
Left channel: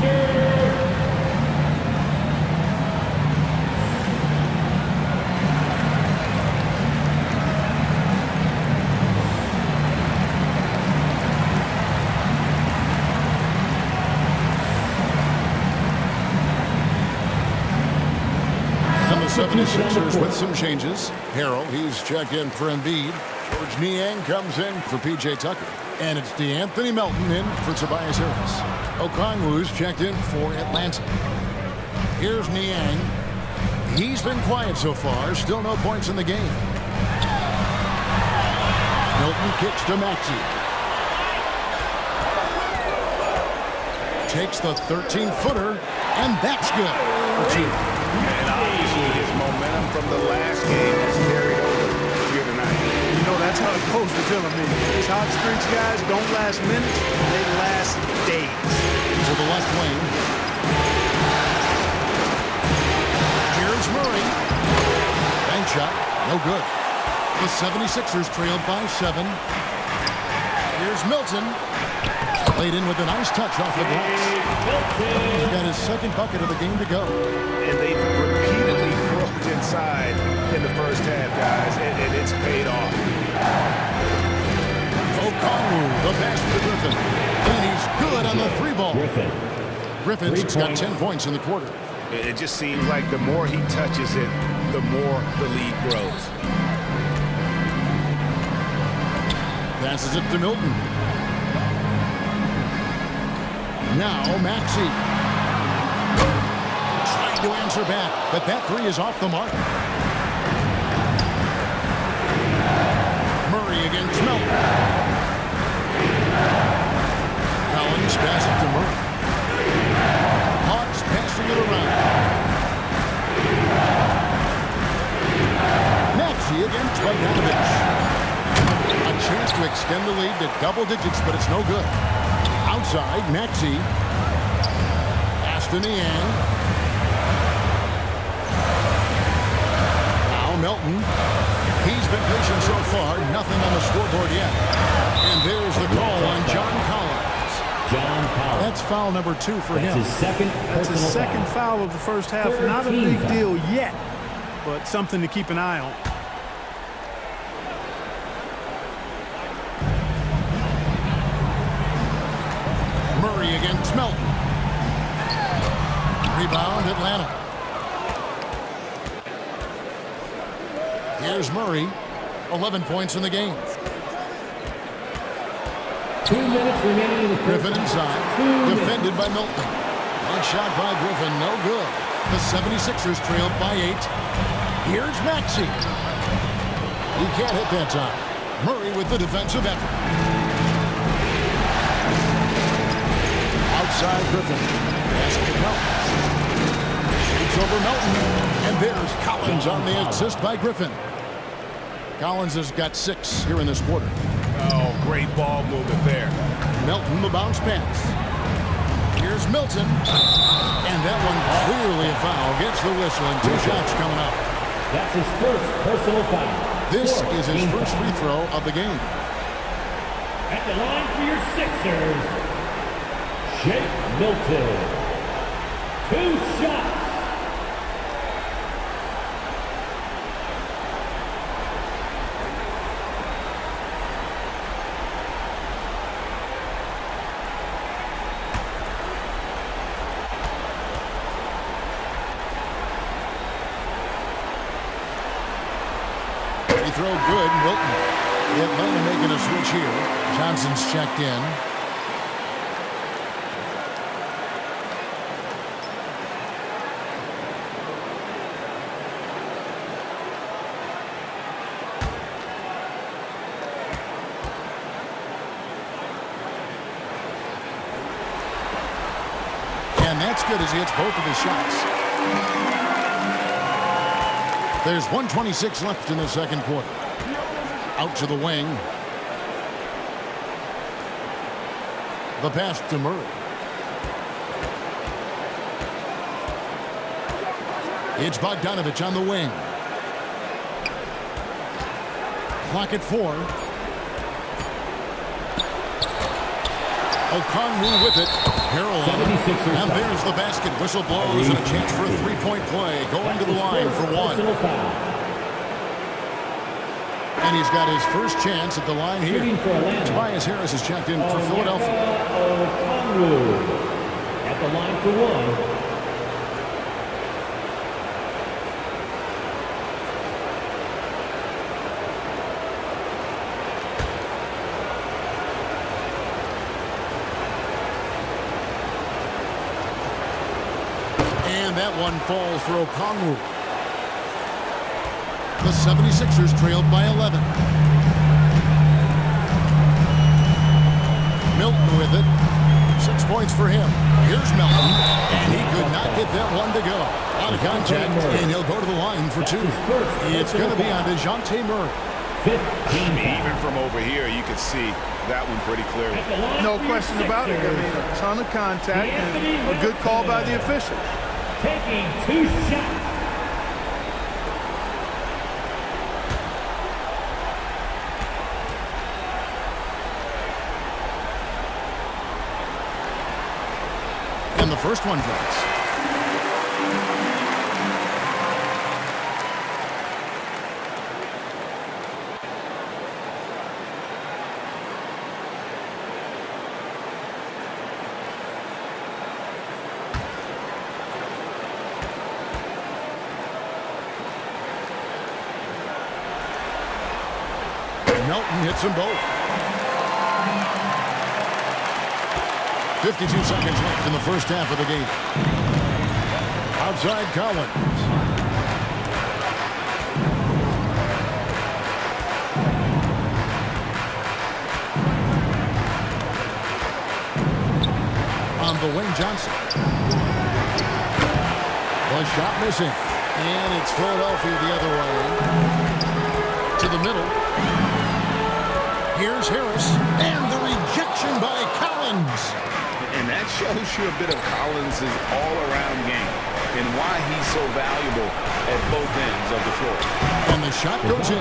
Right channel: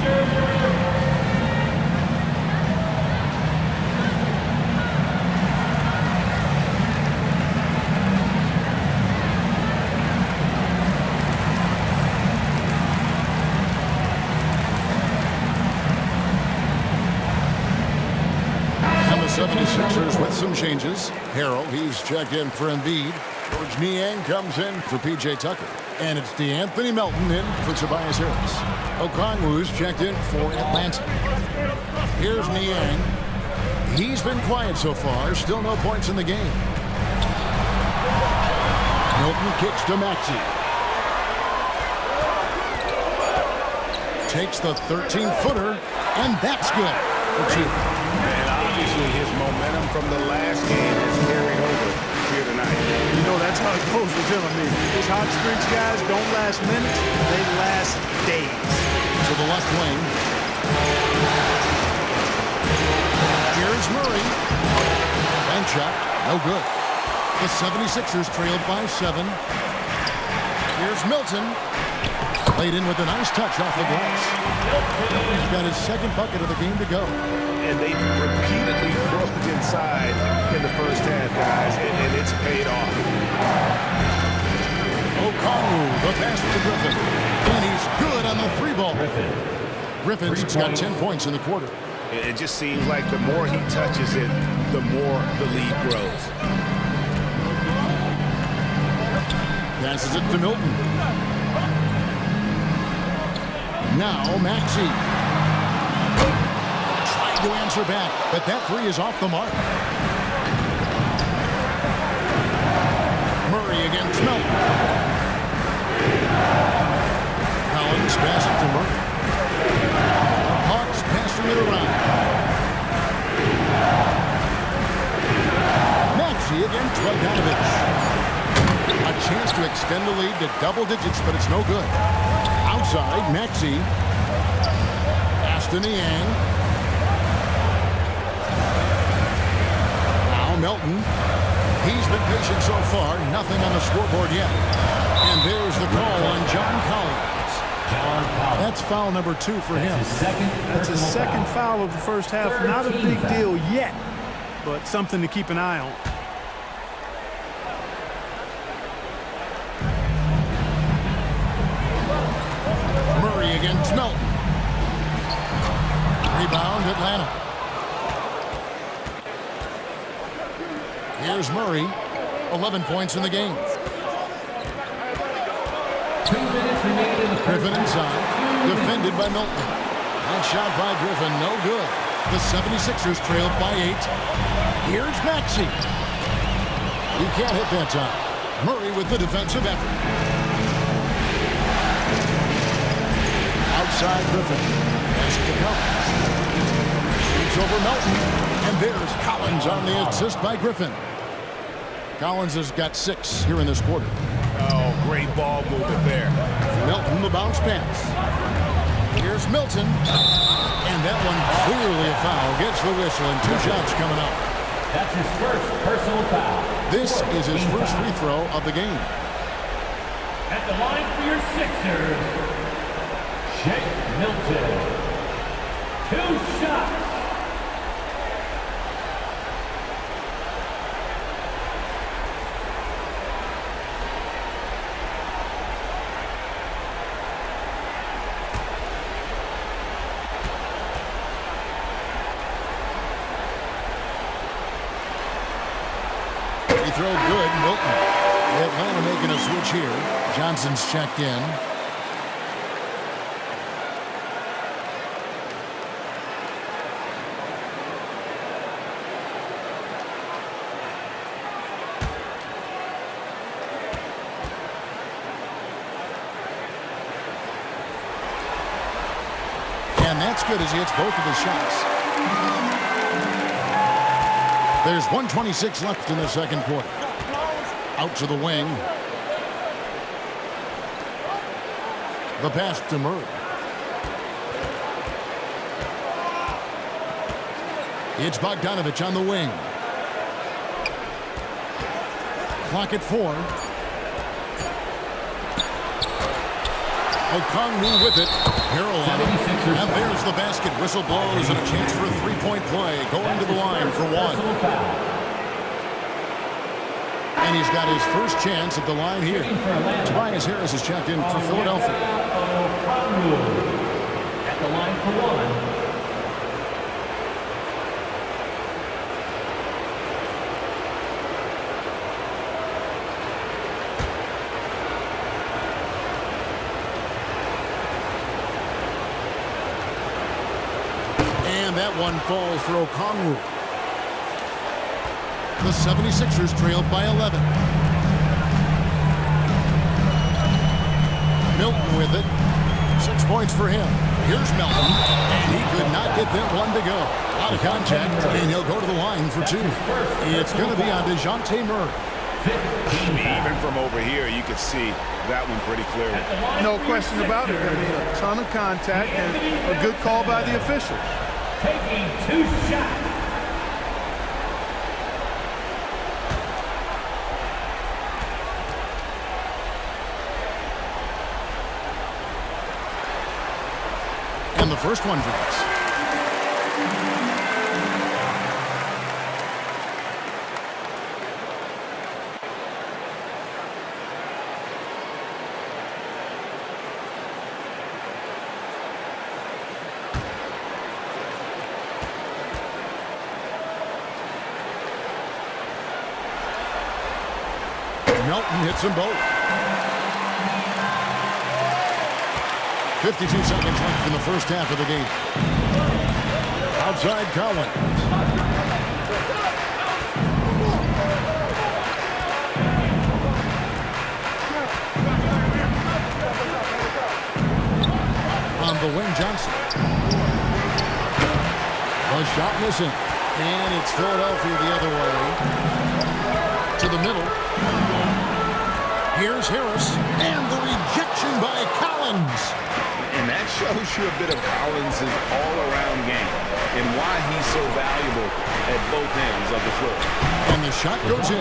And the 76ers with some changes. Harrell, he's checked in for Embiid. George Niang comes in for P.J. Tucker. And it's DeAnthony Melton in for Tobias Harris. Okongwu's checked in for Atlanta. Here's Niang. He's been quiet so far. Still no points in the game. Melton kicks to Maxey. Takes the 13-footer, and that's good for 2. And obviously his momentum from the last game has carried over here tonight. You know, that's how it goes with him. I mean, these hot streaks, guys, don't last minutes. They last days. To the left wing. Here's Murray. Bank shot, no good. The 76ers trailed by 7. Here's Milton. Played in with a nice touch off the glass. He's got his second bucket of the game to go. And they've repeatedly broke inside in the first half, guys, and it's paid off. Okongwu, the pass to Griffin. And he's good on the 3-ball. Griffin's got 10 points in the quarter. It just seems like the more he touches it, the more the lead grows. Passes it to Milton. Now Maxey. Trying to answer back, but that 3 is off the mark. Murray against Melton. Collins pass it to Murray. Hawks passing it around. Maxey against Bogdanovich. A chance to extend the lead to double digits, but it's no good. Outside, Maxey. Pass to Niang. Now Melton. He's been patient so far. Nothing on the scoreboard yet. And there's the call on John Collins. That's foul number 2 for him. That's his second foul of the first half. Not a big deal yet, but something to keep an eye on. Murray against Melton. Rebound, Atlanta. Here's Murray. 11 points in the game. 2 minutes remaining in the first. Griffin inside. Defended by Milton. One shot by Griffin, no good. The 76ers trailed by 8. Here's Maxey. He can't hit that time. Murray with the defensive effort. Outside Griffin. Pass to Collins. Shoots over Melton. And there's Collins on the assist by Griffin. Collins has got 6 here in this quarter. Oh, great ball movement there. Melton, the bounce pass. Here's Milton. And that one clearly a foul. Gets the whistle and 2 shots coming up. That's his first personal foul. This is his first free throw of the game. At the line for your Sixers, Shake Milton. 2 shots. Free throw good, Milton. Atlanta making a switch here. Johnson's checked in. And that's good as he hits both of his shots. There's 1:26 left in the second quarter. Out to the wing. The pass to Murray. It's Bogdanovich on the wing. Clock at 4. Okongwu with it. Harrell on it. And there's the basket. Whistle blows and a chance for a three-point play. Going to the line for one. And he's got his first chance at the line here. Tobias Harris has checked in for Philadelphia. Okongwu at the line for one. And that one falls for Okongwu. The 76ers trailed by 11. Milton with it. 6 points for him. Here's Milton. And he could not get that one to go. A lot of contact, and he'll go to the line for two. It's going to be on DeJounte Murray. Even from over here, you could see that one pretty clearly. No question about it. I mean, a ton of contact and a good call by the officials. Taking 2 shots. And the first one drops. Melton hits them both. 52 seconds left in the first half of the game. Outside Collins. On the wing, Johnson. The shot missing. And it's Philadelphia the other way. To the middle. Here's Harris. And the rejection by Collins. And that shows you a bit of Collins' all-around game and why he's so valuable at both ends of the floor. And the shot goes in.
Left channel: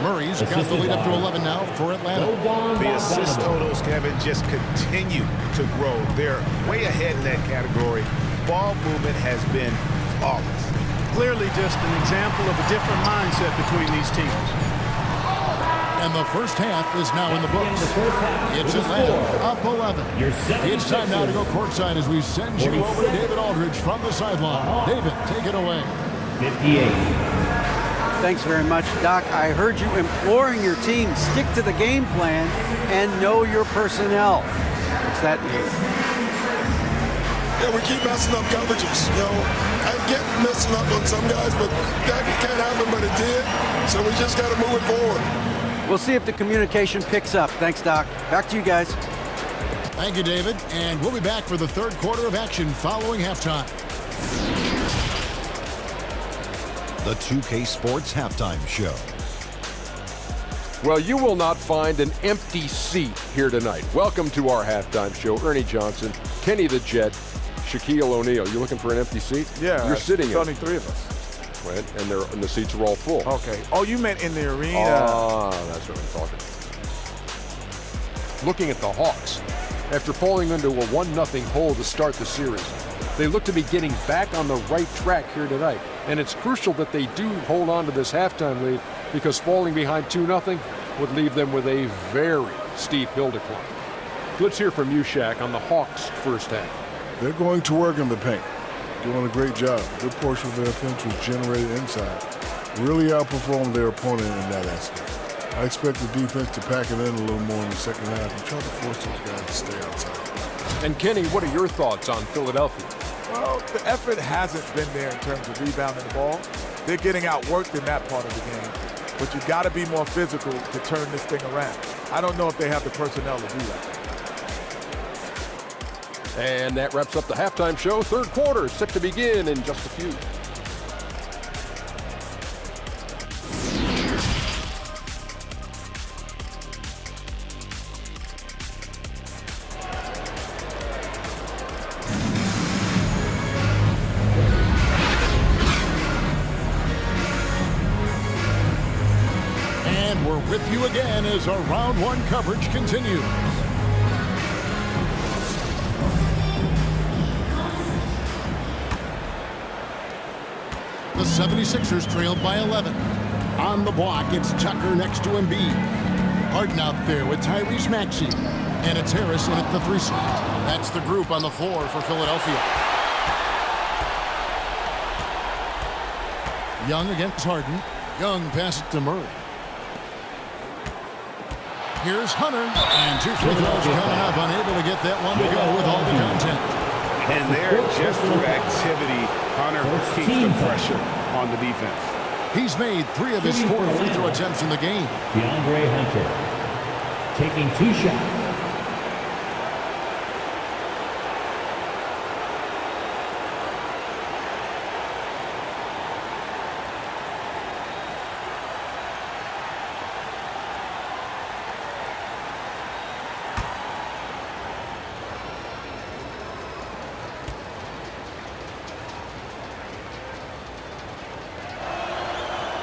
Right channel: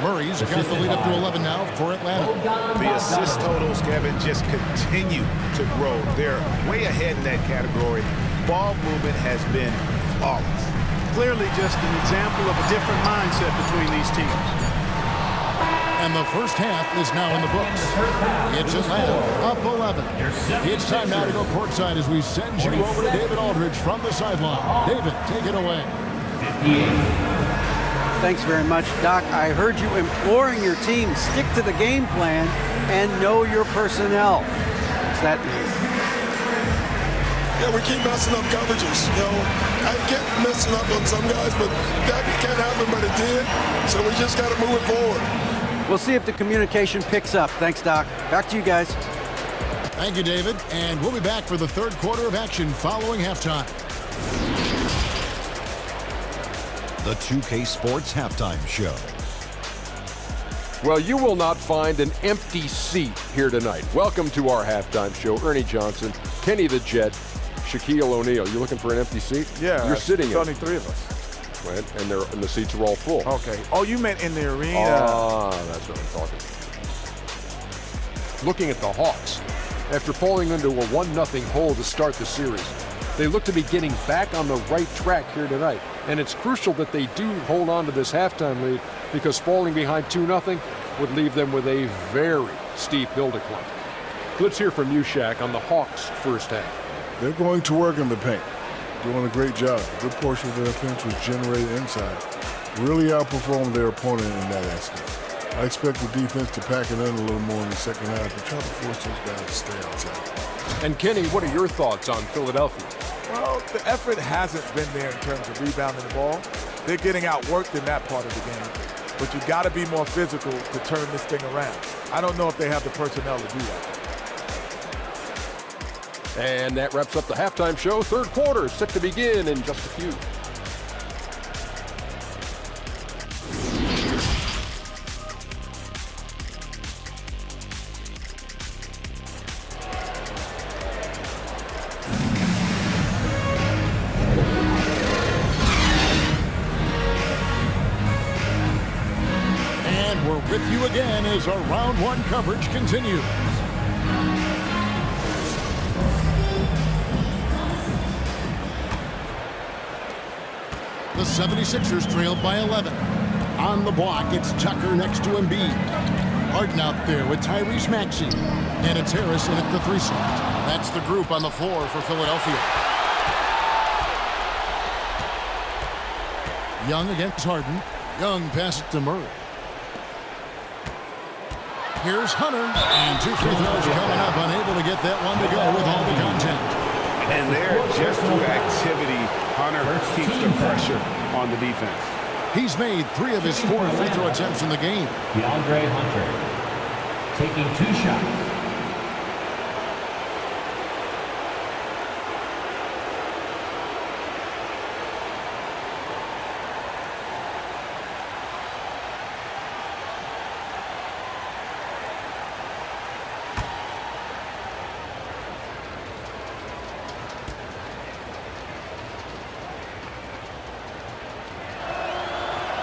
Murray's got the lead up to 11 now for Atlanta. The assist totals, Kevin, just continue to grow. They're way ahead in that category. Ball movement has been flawless. Clearly just an example of a different mindset between these teams. And the first half is now in the books. It's Atlanta up 11. It's time now to go courtside as we send you over to David Aldridge from the sideline. David, take it away. 58. Thanks very much, Doc. I heard you imploring your team, stick to the game plan and know your personnel. What's that mean? Yeah, we keep messing up coverages. You know, I get messing up on some guys, but that can't happen, but it did. So we just got to move it forward. We'll see if the communication picks up. Thanks, Doc. Back to you guys. Thank you, David. And we'll be back for the third quarter of action following halftime. The 2K Sports Halftime Show. Well, you will not find an empty seat here tonight. Welcome to our halftime show. Ernie Johnson, Kenny the Jet, Shaquille O'Neal. You looking for an empty seat? Yeah. You're sitting There's in. only 3 of us. And the seats are all full. Okay. Oh, you meant in the arena. Ah, that's what I'm talking about. Looking at the Hawks, after falling into a 1-0 hole to start the series, they look to be getting back on the right track here tonight. And it's crucial that they do hold on to this halftime lead because falling behind 2-0 would leave them with a very steep hill to climb. Let's hear from you, Shaq, on the Hawks' first half. They're going to work in the paint. Doing a great job. A good portion of their offense was generated inside. Really outperformed their opponent in that aspect. I expect the defense to pack it in a little more in the second half and try to force those guys to stay outside. And Kenny, what are your thoughts on Philadelphia? Well, the effort hasn't been there in terms of rebounding the ball. They're getting outworked in that part of the game. But you got to be more physical to turn this thing around. I don't know if they have the personnel to do that. And that wraps up the halftime show. Third quarter set to begin in just a few. with you again as our round one coverage continues. The 76ers trailed by 11. On the block, it's Tucker next to Embiid. Harden out there with Tyrese Maxey. And it's Harris in at the 3 slot. That's the group on the floor for Philadelphia. Young against Harden. Young passes to Murray. Here's Hunter. And 2 free throws coming up. Unable to get that one to go with all the contact. And there, just through activity, Hunter keeps the pressure on the defense. He's made 3 of his 4 free throw attempts in the game. DeAndre Hunter taking 2 shots.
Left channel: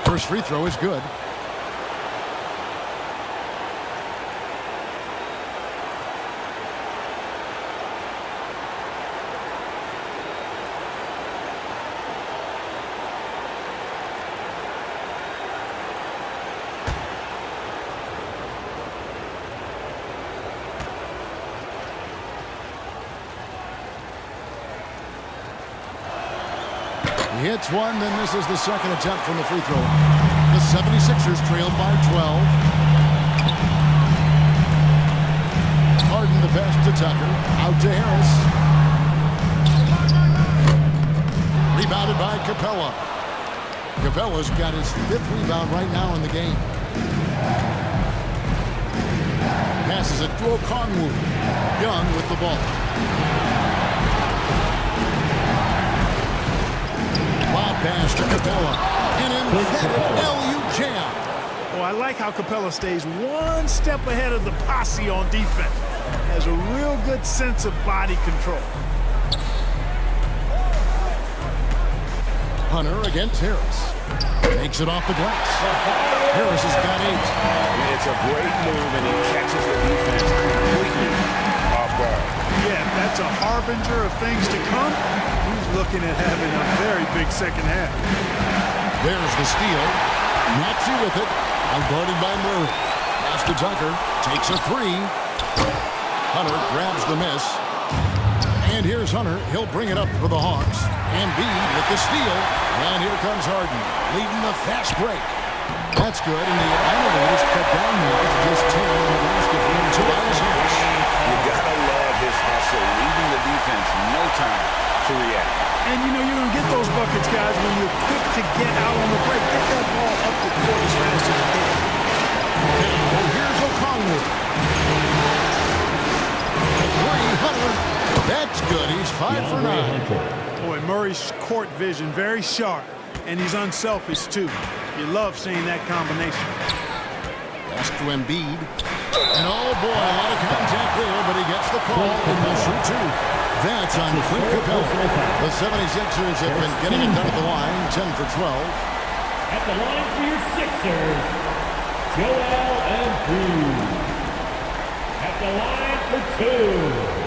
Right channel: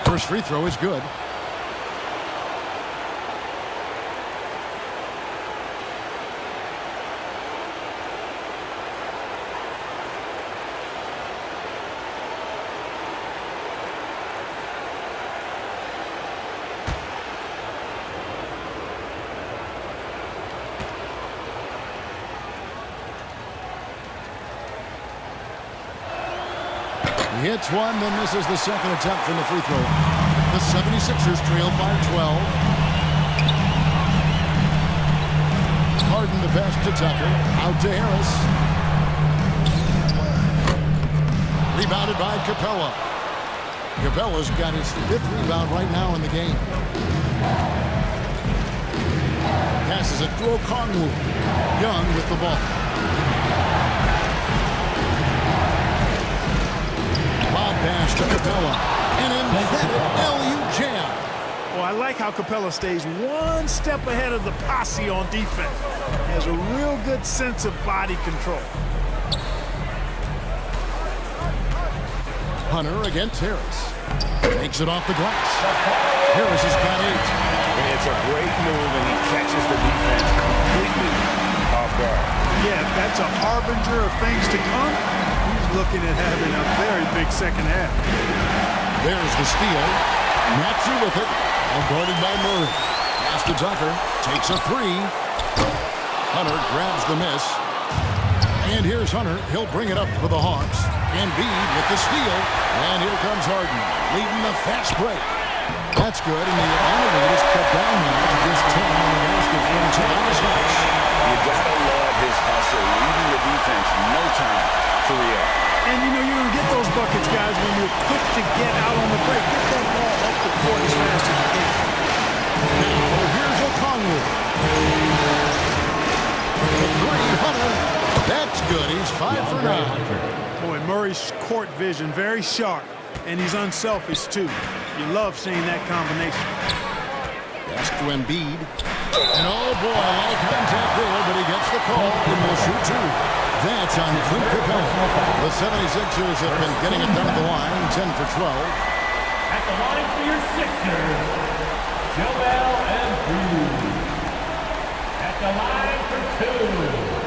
First free throw is good. He hits one, then misses the second attempt from the free throw line. The 76ers trailed by 12. Harden the pass to Tucker. Out to Harris. Rebounded by Capella. Capella's got his 5th rebound right now in the game. Passes it to Okongwu. Young with the ball. Lob pass to Capella. An emphatic LU jam. Oh, I like how Capella stays one step ahead of the posse on defense. Has a real good sense of body control. Hunter against Harris. Makes it off the glass. Harris has got 8. It's a great move, and he catches the defense completely off guard. Yeah, if that's a harbinger of things to come, he's looking at having a very big second half. There's the steal. Maxey with it. All guarded by Murray. Pass to Tucker. Takes a 3. Hunter grabs the miss. And here's Hunter. He'll bring it up for the Hawks. Embiid with the steal. And here comes Harden, leading the fast break. That's good, and the Atlanta lead is cut down now to just 10 on the basket from Tobias Harris. You gotta love his hustle, leaving the defense no time to react. And you know you're going to get those buckets, guys, when you're quick to get out on the break. Get that ball up the court as fast as you can. Now here's Okongwu. The 3, Hunter. That's good. He's 5 for 9. Boy, Murray's court vision very sharp, and he's unselfish too. You love seeing that combination. Pass to Embiid. And oh boy, a lot of contact there, but he gets the call and will shoot 2. That's on Clint Capella. The 76ers have been getting it done at the line, 10 for 12. At the line for your Sixers, Joel Embiid. At the line for 2.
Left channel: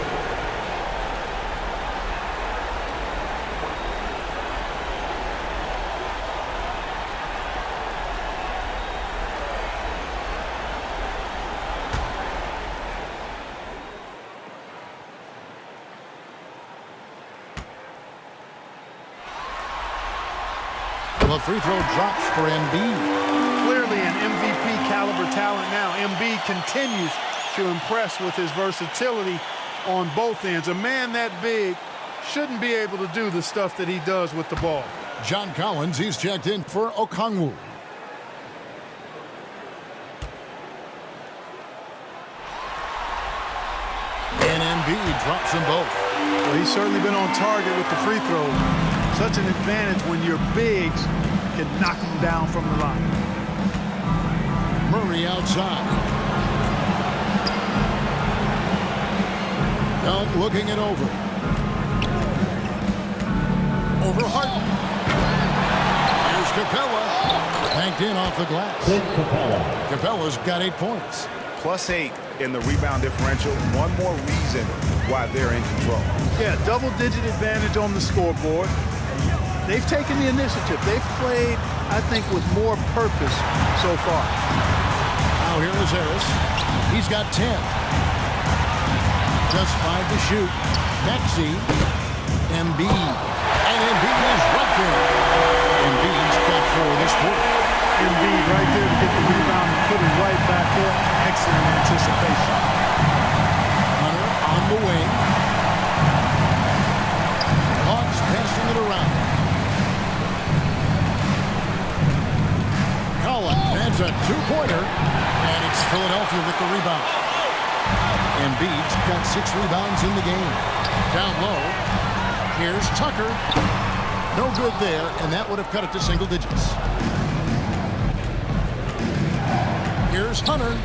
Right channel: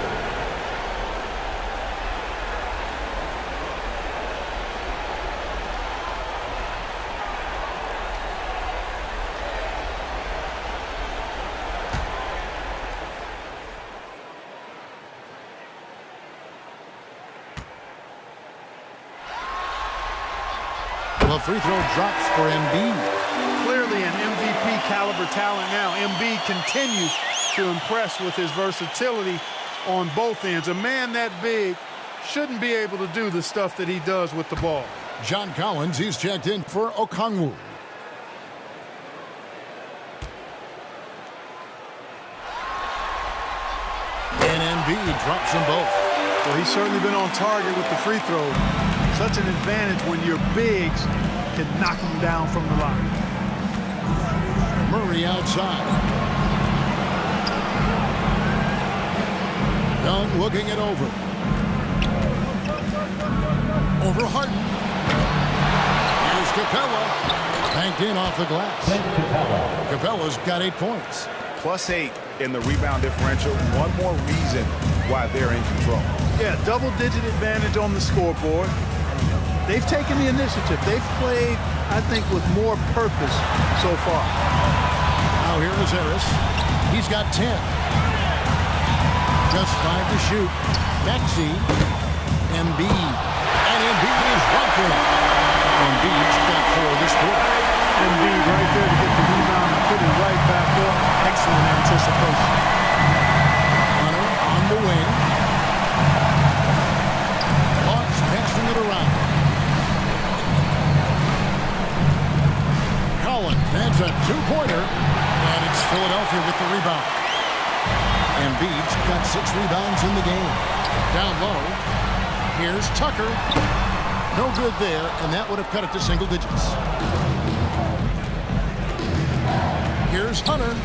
The free throw drops for Embiid. Clearly an MVP caliber talent now. Embiid continues to impress with his versatility on both ends. A man that big shouldn't be able to do the stuff that he does with the ball. John Collins, he's checked in for Okongwu. And Embiid drops them both. Well, he's certainly been on target with the free throws. Such an advantage when your bigs can knock them down from the line. Murray outside. Young looking it over. Over Harden. Here's Capella. Banked in off the glass. Capella's got 8 points. +8 in the rebound differential. One more reason why they're in control. Yeah, double-digit advantage on the scoreboard. They've taken the initiative. They've played, I think, with more purpose so far. Now here is Harris. He's got 10. Just 5 to shoot. Maxey. Embiid. And Embiid is right there. Embiid's got 4 this quarter. Embiid right there to get the rebound and put it right back up. Excellent anticipation. Hunter on the wing. Hawks passing it around. Collins adds a 2-pointer, and it's Philadelphia with the rebound. Embiid's got 6 rebounds in the game. Down low, here's Tucker. No good there, and that would have cut it to single digits. Here's Hunter.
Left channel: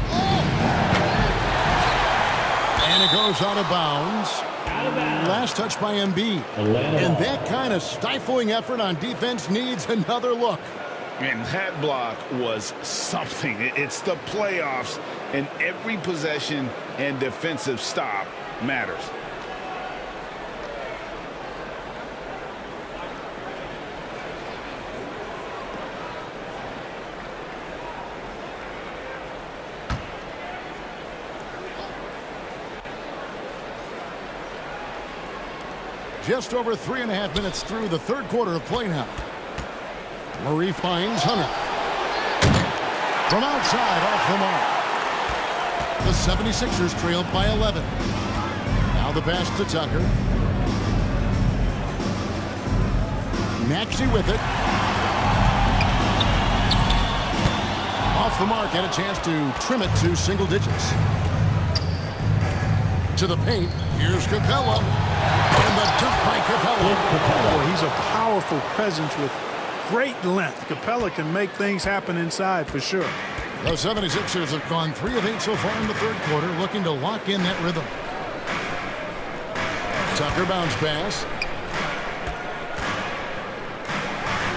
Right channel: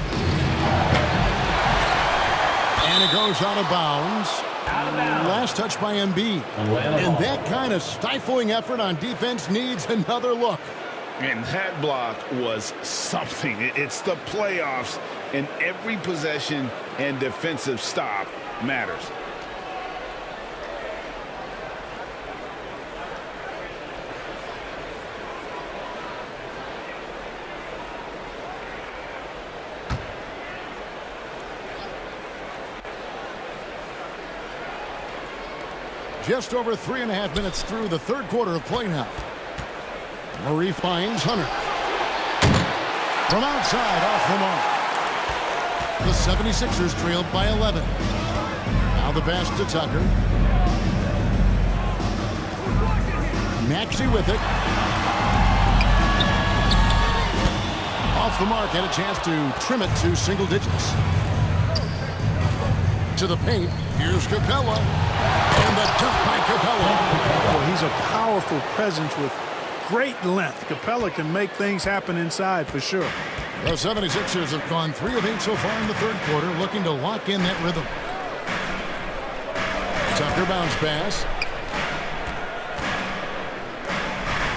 And it goes out of bounds. Last touch by Embiid. And that kind of stifling effort on defense needs another look. And that block was something. It's the playoffs, and every possession and defensive stop matters. Just over 3.5 minutes through the third quarter of play now. Murray finds Hunter. From outside, off the mark. The 76ers trailed by 11. Now the pass to Tucker. Maxey with it. Off the mark, had a chance to trim it to single digits. To the paint, here's Capella. And the dunk by Capella. Boy, he's a powerful presence with great length. Capella can make things happen inside for sure. The 76ers have gone 3 of 8 so far in the third quarter, looking to lock in that rhythm. Tucker bounce pass.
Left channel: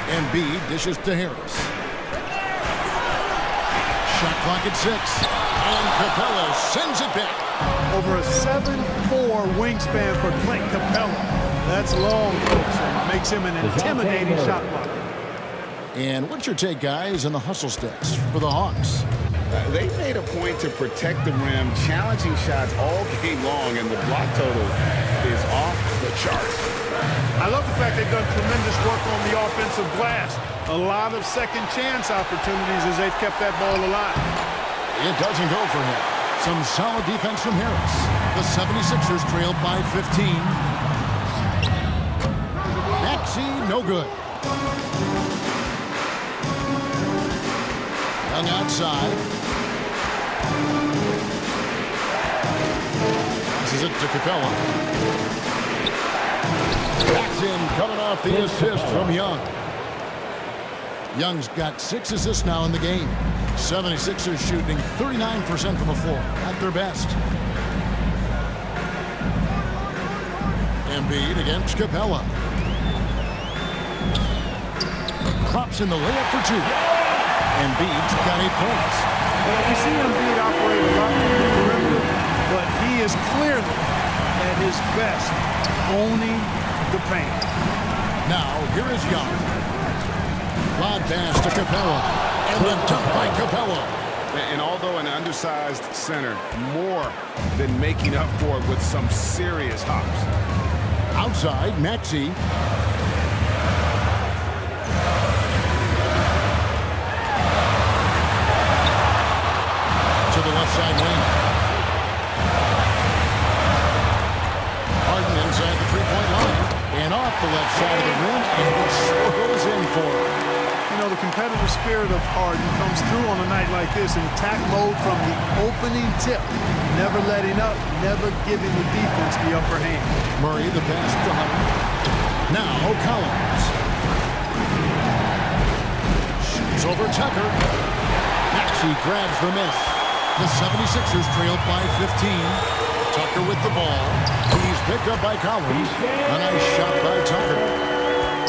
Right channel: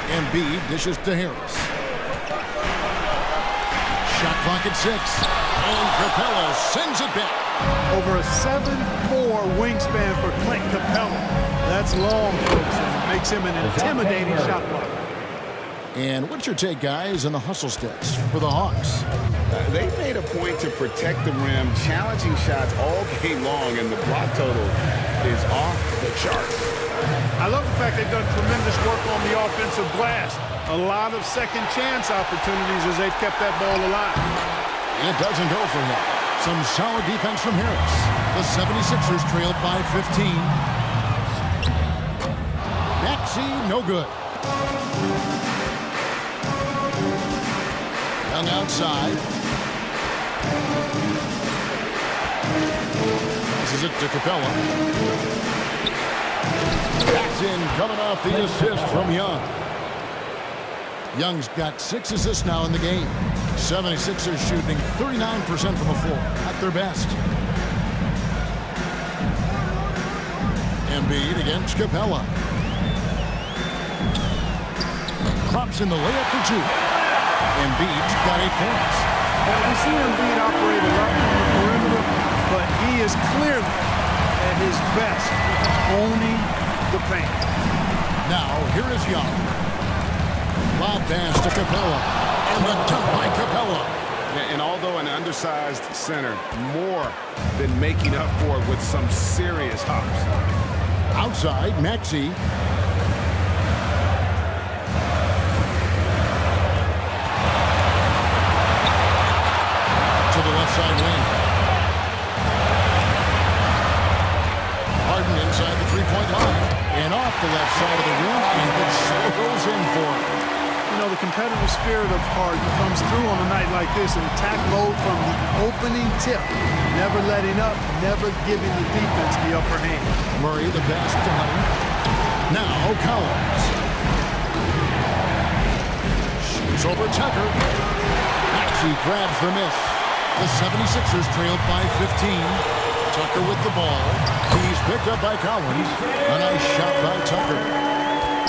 Embiid dishes to Harris. Shot clock at 6. And Capella sends it back. Over a 7'4" wingspan for Clint Capella. That's long, folks, and makes him an intimidating shot blocker. And what's your take, guys, on the hustle sticks for the Hawks? They made a point to protect the rim, challenging shots all game long, and the block total is off the charts. I love the fact they've done tremendous work on the offensive glass. A lot of second chance opportunities as they've kept that ball alive. It doesn't go for him. Some solid defense from Harris. The 76ers trailed by 15. Maxey, no good. Young outside. Passes it to Capella. That's in, coming off the assist from Young. Young's got 6 assists now in the game. 76ers shooting 39% from the floor, at their best. Embiid against Capella. Drops in the layup for 2. Embiid's got 8 points. Well, we see Embiid operate a lot from the perimeter, but he is clearly at his best owning the paint. Now, here is Young. Lob pass to Capella. And the dunk by Capella. And although an undersized center, more than making up for it with some serious hops. Outside, Maxey. To the left side wing. Harden inside the three-point line. And off the left side of the rim, and it swirls in for him. You know, the competitive spirit of Harden comes through on a night like this in attack mode from the opening tip. Never letting up, never giving the defense the upper hand. Murray, the pass to Hunter. Now Collins. Shoots over Tucker. Maxey grabs the miss. The 76ers trailed by 15. Tucker with the ball. He's picked up by Collins. A nice shot by Tucker.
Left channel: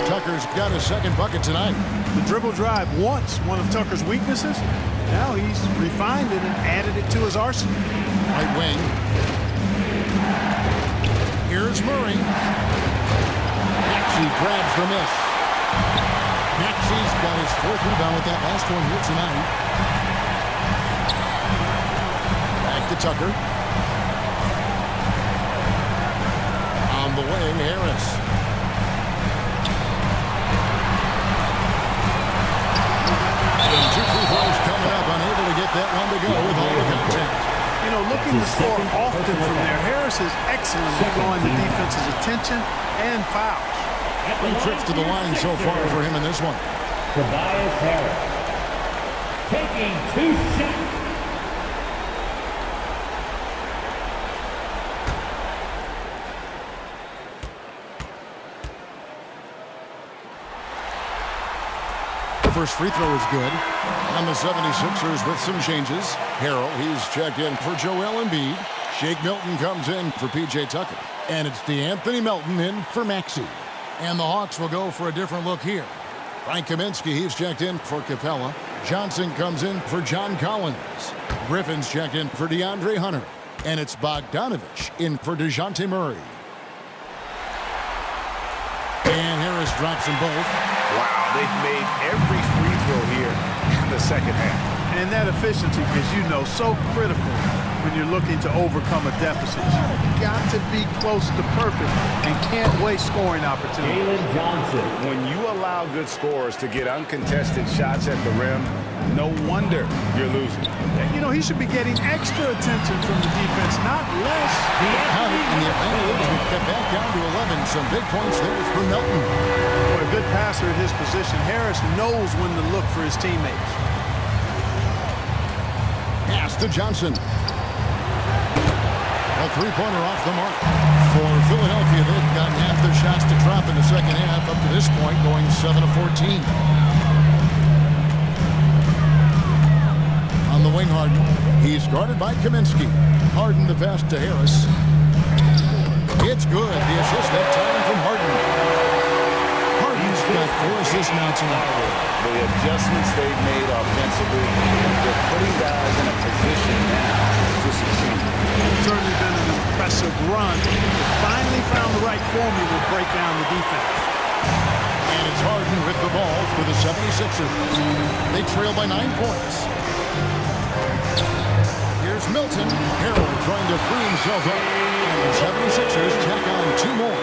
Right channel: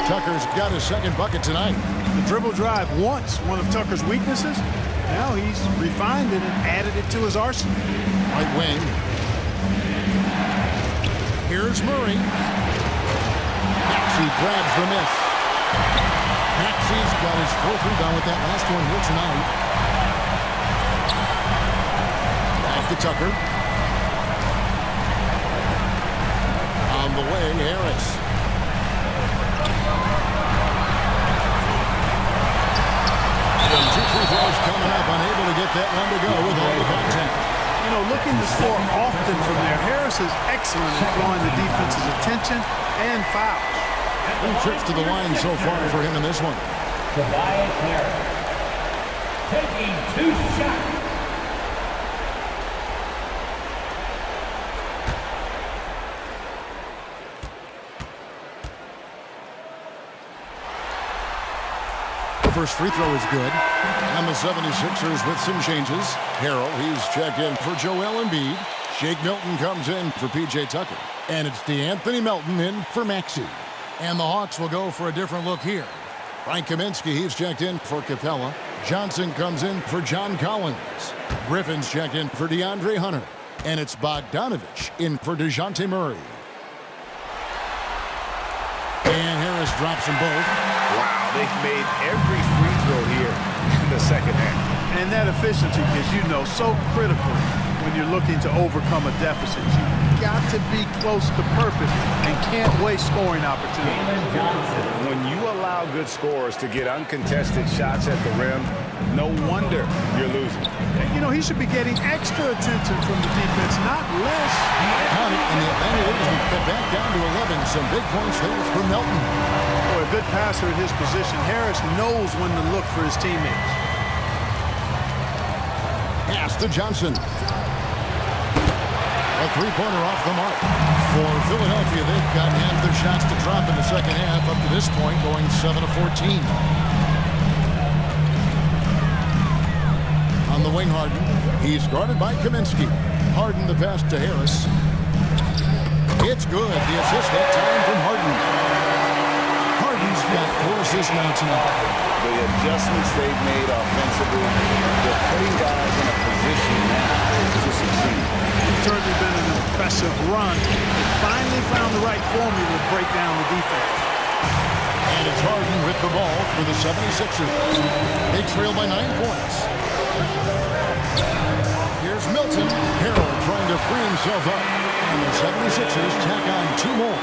Tucker's got his second bucket tonight. The dribble drive once one of Tucker's weaknesses. Now he's refined it and added it to his arsenal. Right wing. Here's Murray. Maxey grabs the miss. Maxey's got his fourth rebound with that last one here tonight. Back to Tucker. On the wing, Harris. And 2 free throws coming up, unable to get that one to go with all the contact. You know, looking to score often from there, Harris is excellent at drawing the defense's attention and fouls. 3 trips to the line so far for him in this one. Tobias Harris taking 2 shots. First free throw is good. And the 76ers with some changes. Harrell, he's checked in for Joel Embiid. Shake Milton comes in for P.J. Tucker. And it's DeAnthony Melton in for Maxey. And the Hawks will go for a different look here. Frank Kaminsky, he's checked in for Capella. Johnson comes in for John Collins. Griffin's checked in for DeAndre Hunter. And it's Bogdanovich in for DeJounte Murray. And Harris drops them both. Wow, they've made every free throw here in the second half. And that efficiency, as you know, so critical when you're looking to overcome a deficit. You've got to be close to perfect and can't waste scoring opportunities. Jalen Johnson. When you allow good scorers to get uncontested shots at the rim, no wonder you're losing. You know, he should be getting extra attention from the defense, not less. Count it, and the Atlanta Leaders will get back down to 11. Some big points there for Melton. Boy, a good passer at his position. Harris knows when to look for his teammates. Pass to Johnson. A three-pointer off the mark. For Philadelphia, they've gotten half their shots to drop in the second half up to this point, going 7 of 14. On the wing, Harden. He's guarded by Kaminsky. Harden the pass to Harris. It's good. The assist that time from Harden. Harden's got 4 assists now tonight. The adjustments they've made offensively, they're putting guys in a position now to succeed. It's certainly been an impressive run. They finally found the right formula to break down the defense. And it's Harden with the ball for the 76ers. They trail by 9 points. Here's Milton. Harrell trying to free himself up. And the 76ers tack on 2 more.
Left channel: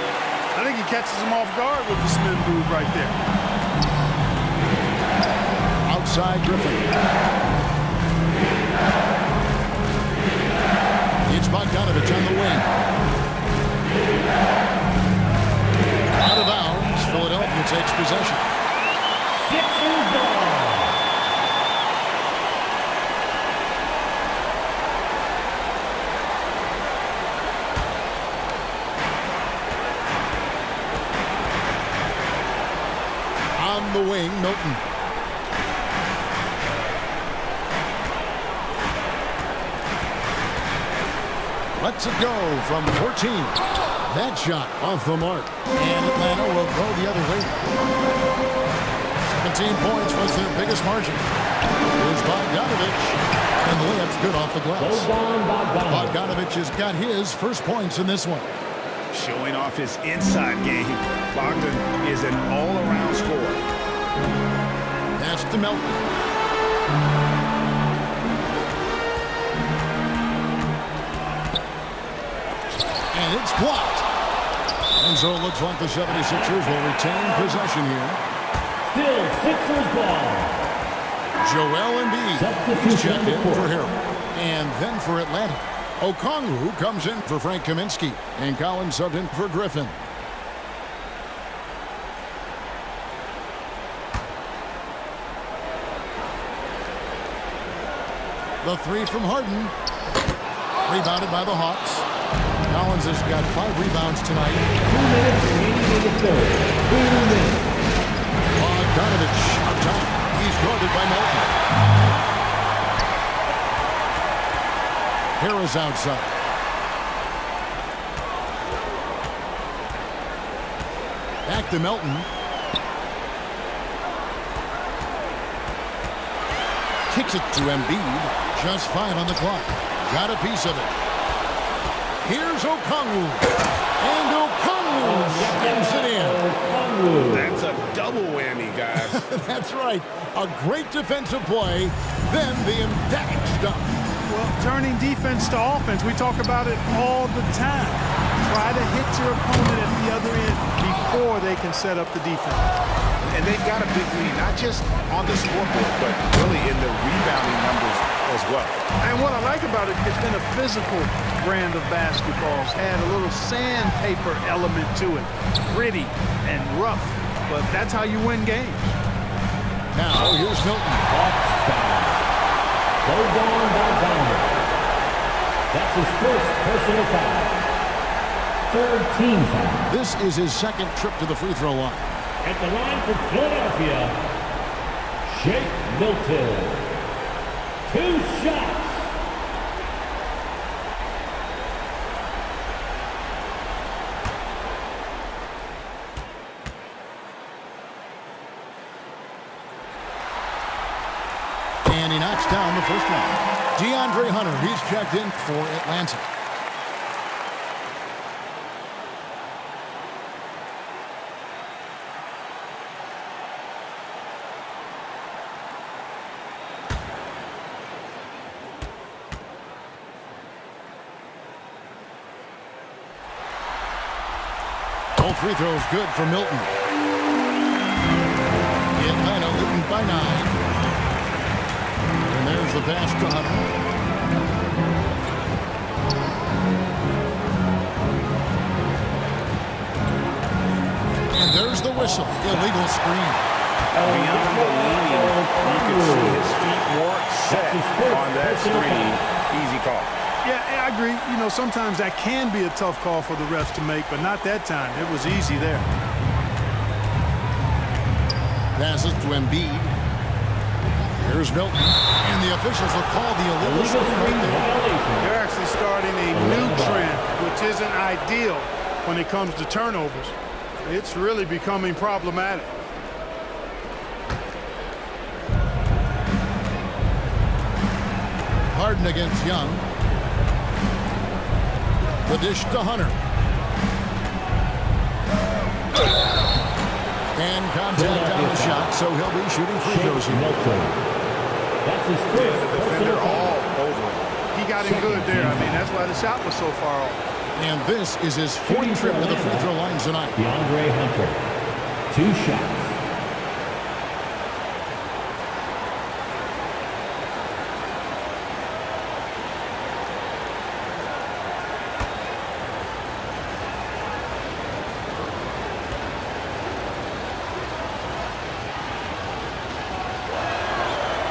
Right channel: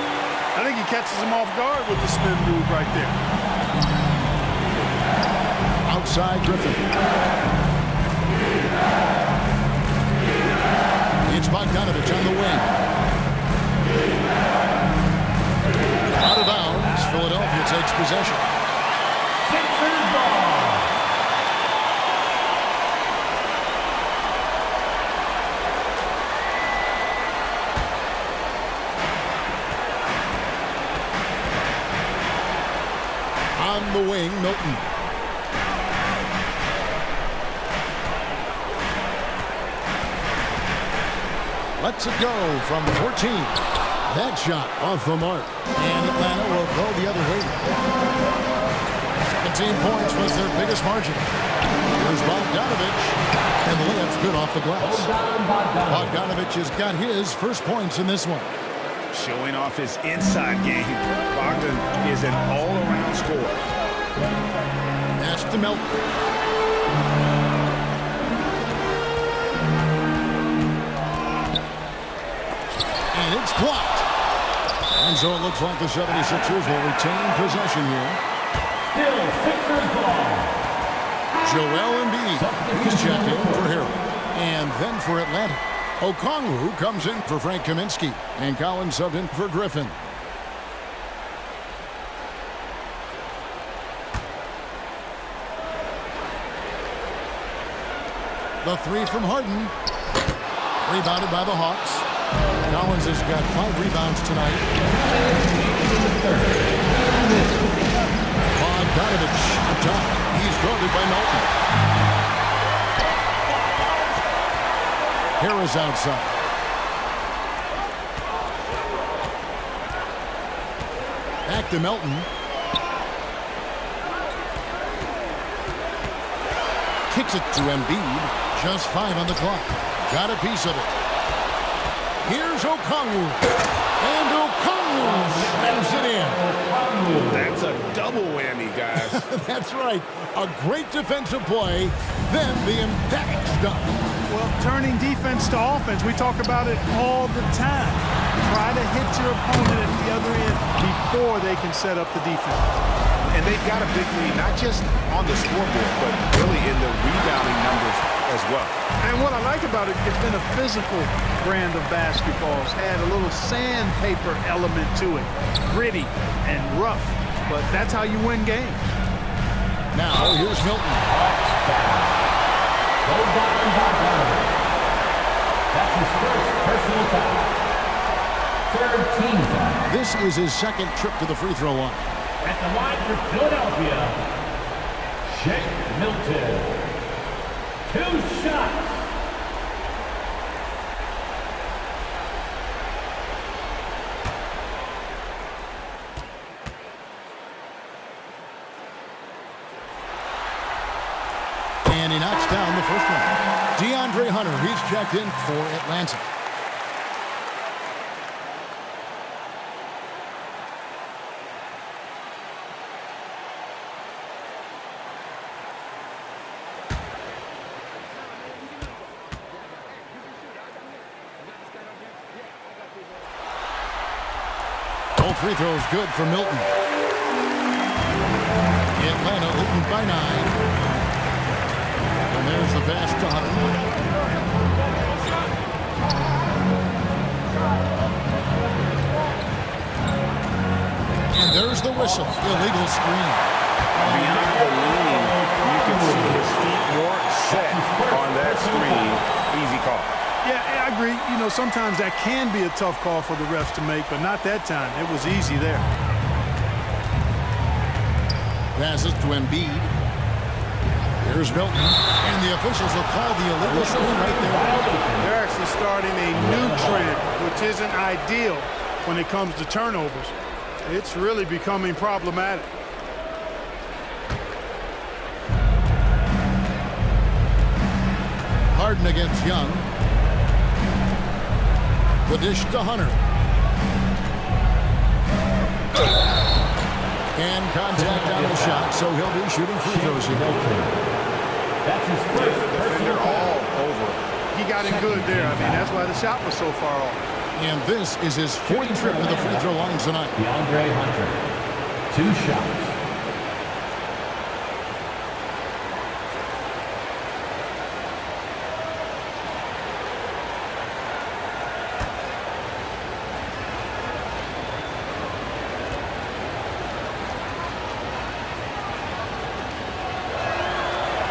I think he catches him off guard with the spin move right there. Outside Griffin. It's Bogdanovich on the wing. Out of bounds. Philadelphia takes possession. Sixers ball. On the wing, Milton. Lets it go from 14. That shot off the mark. And Atlanta will go the other way. 17 points was their biggest margin. Here's Bogdanovich. And the layup's good off the glass. Bogdanovich has got his first points in this one. Showing off his inside game, Bogdan is an all-around scorer. Pass to Melton. And it's blocked. And so it looks like the 76ers will retain possession here. Still Sixers ball. Joel Embiid, he's checked in for Harrell. And then for Atlanta, Okongwu comes in for Frank Kaminsky. And Collins subbed in for Griffin. The 3 from Harden. Rebounded by the Hawks. Collins has got 5 rebounds tonight. 2 minutes remaining in the third. 2 minutes. Bogdanovich up top. He's guarded by Melton. Harris outside. Back to Melton. Kicks it to Embiid. Just 5 on the clock. Got a piece of it. Here's Okongwu. And Okongwu slams it in. That's a double whammy, guys. That's right. A great defensive play, then the emphatic stuff. Well, turning defense to offense, we talk about it all the time. Try to hit your opponent at the other end before they can set up the defense. And they've got a big lead, not just on the scoreboard, but really in the rebounding numbers as well. And what I like about it, it's been a physical brand of basketball. It's had a little sandpaper element to it. Gritty and rough, but that's how you win games. Now, here's Milton. Hawks foul. Go down by Donovan. That's his first personal foul. Third team foul. This is his second trip to the free throw line. At the line for Philadelphia, Shake Milton. 2 shots. And he knocks down the first one. DeAndre Hunter, he's checked in for Atlanta. All free throws good for Milton. Atlanta leading by 9. And there's the pass to Hunter. And there's the whistle. Illegal screen. Beyond the leaning, you can see his feet more set on that screen. Easy call. Yeah, I agree. You know, sometimes that can be a tough call for the refs to make, but not that time. It was easy there. Passes to Embiid. Here's Milton. And the officials will call the illegal screen right there. They're actually starting a new trend, which isn't ideal when it comes to turnovers. It's really becoming problematic. Harden against Young. The dish to Hunter. And contact on the shot, so he'll be shooting free throws here. That's his first. Yeah, the defender all over him. He got in good there. I mean, that's why the shot was so far off. And this is his 4th trip to the free throw line tonight. DeAndre Hunter. 2 shots.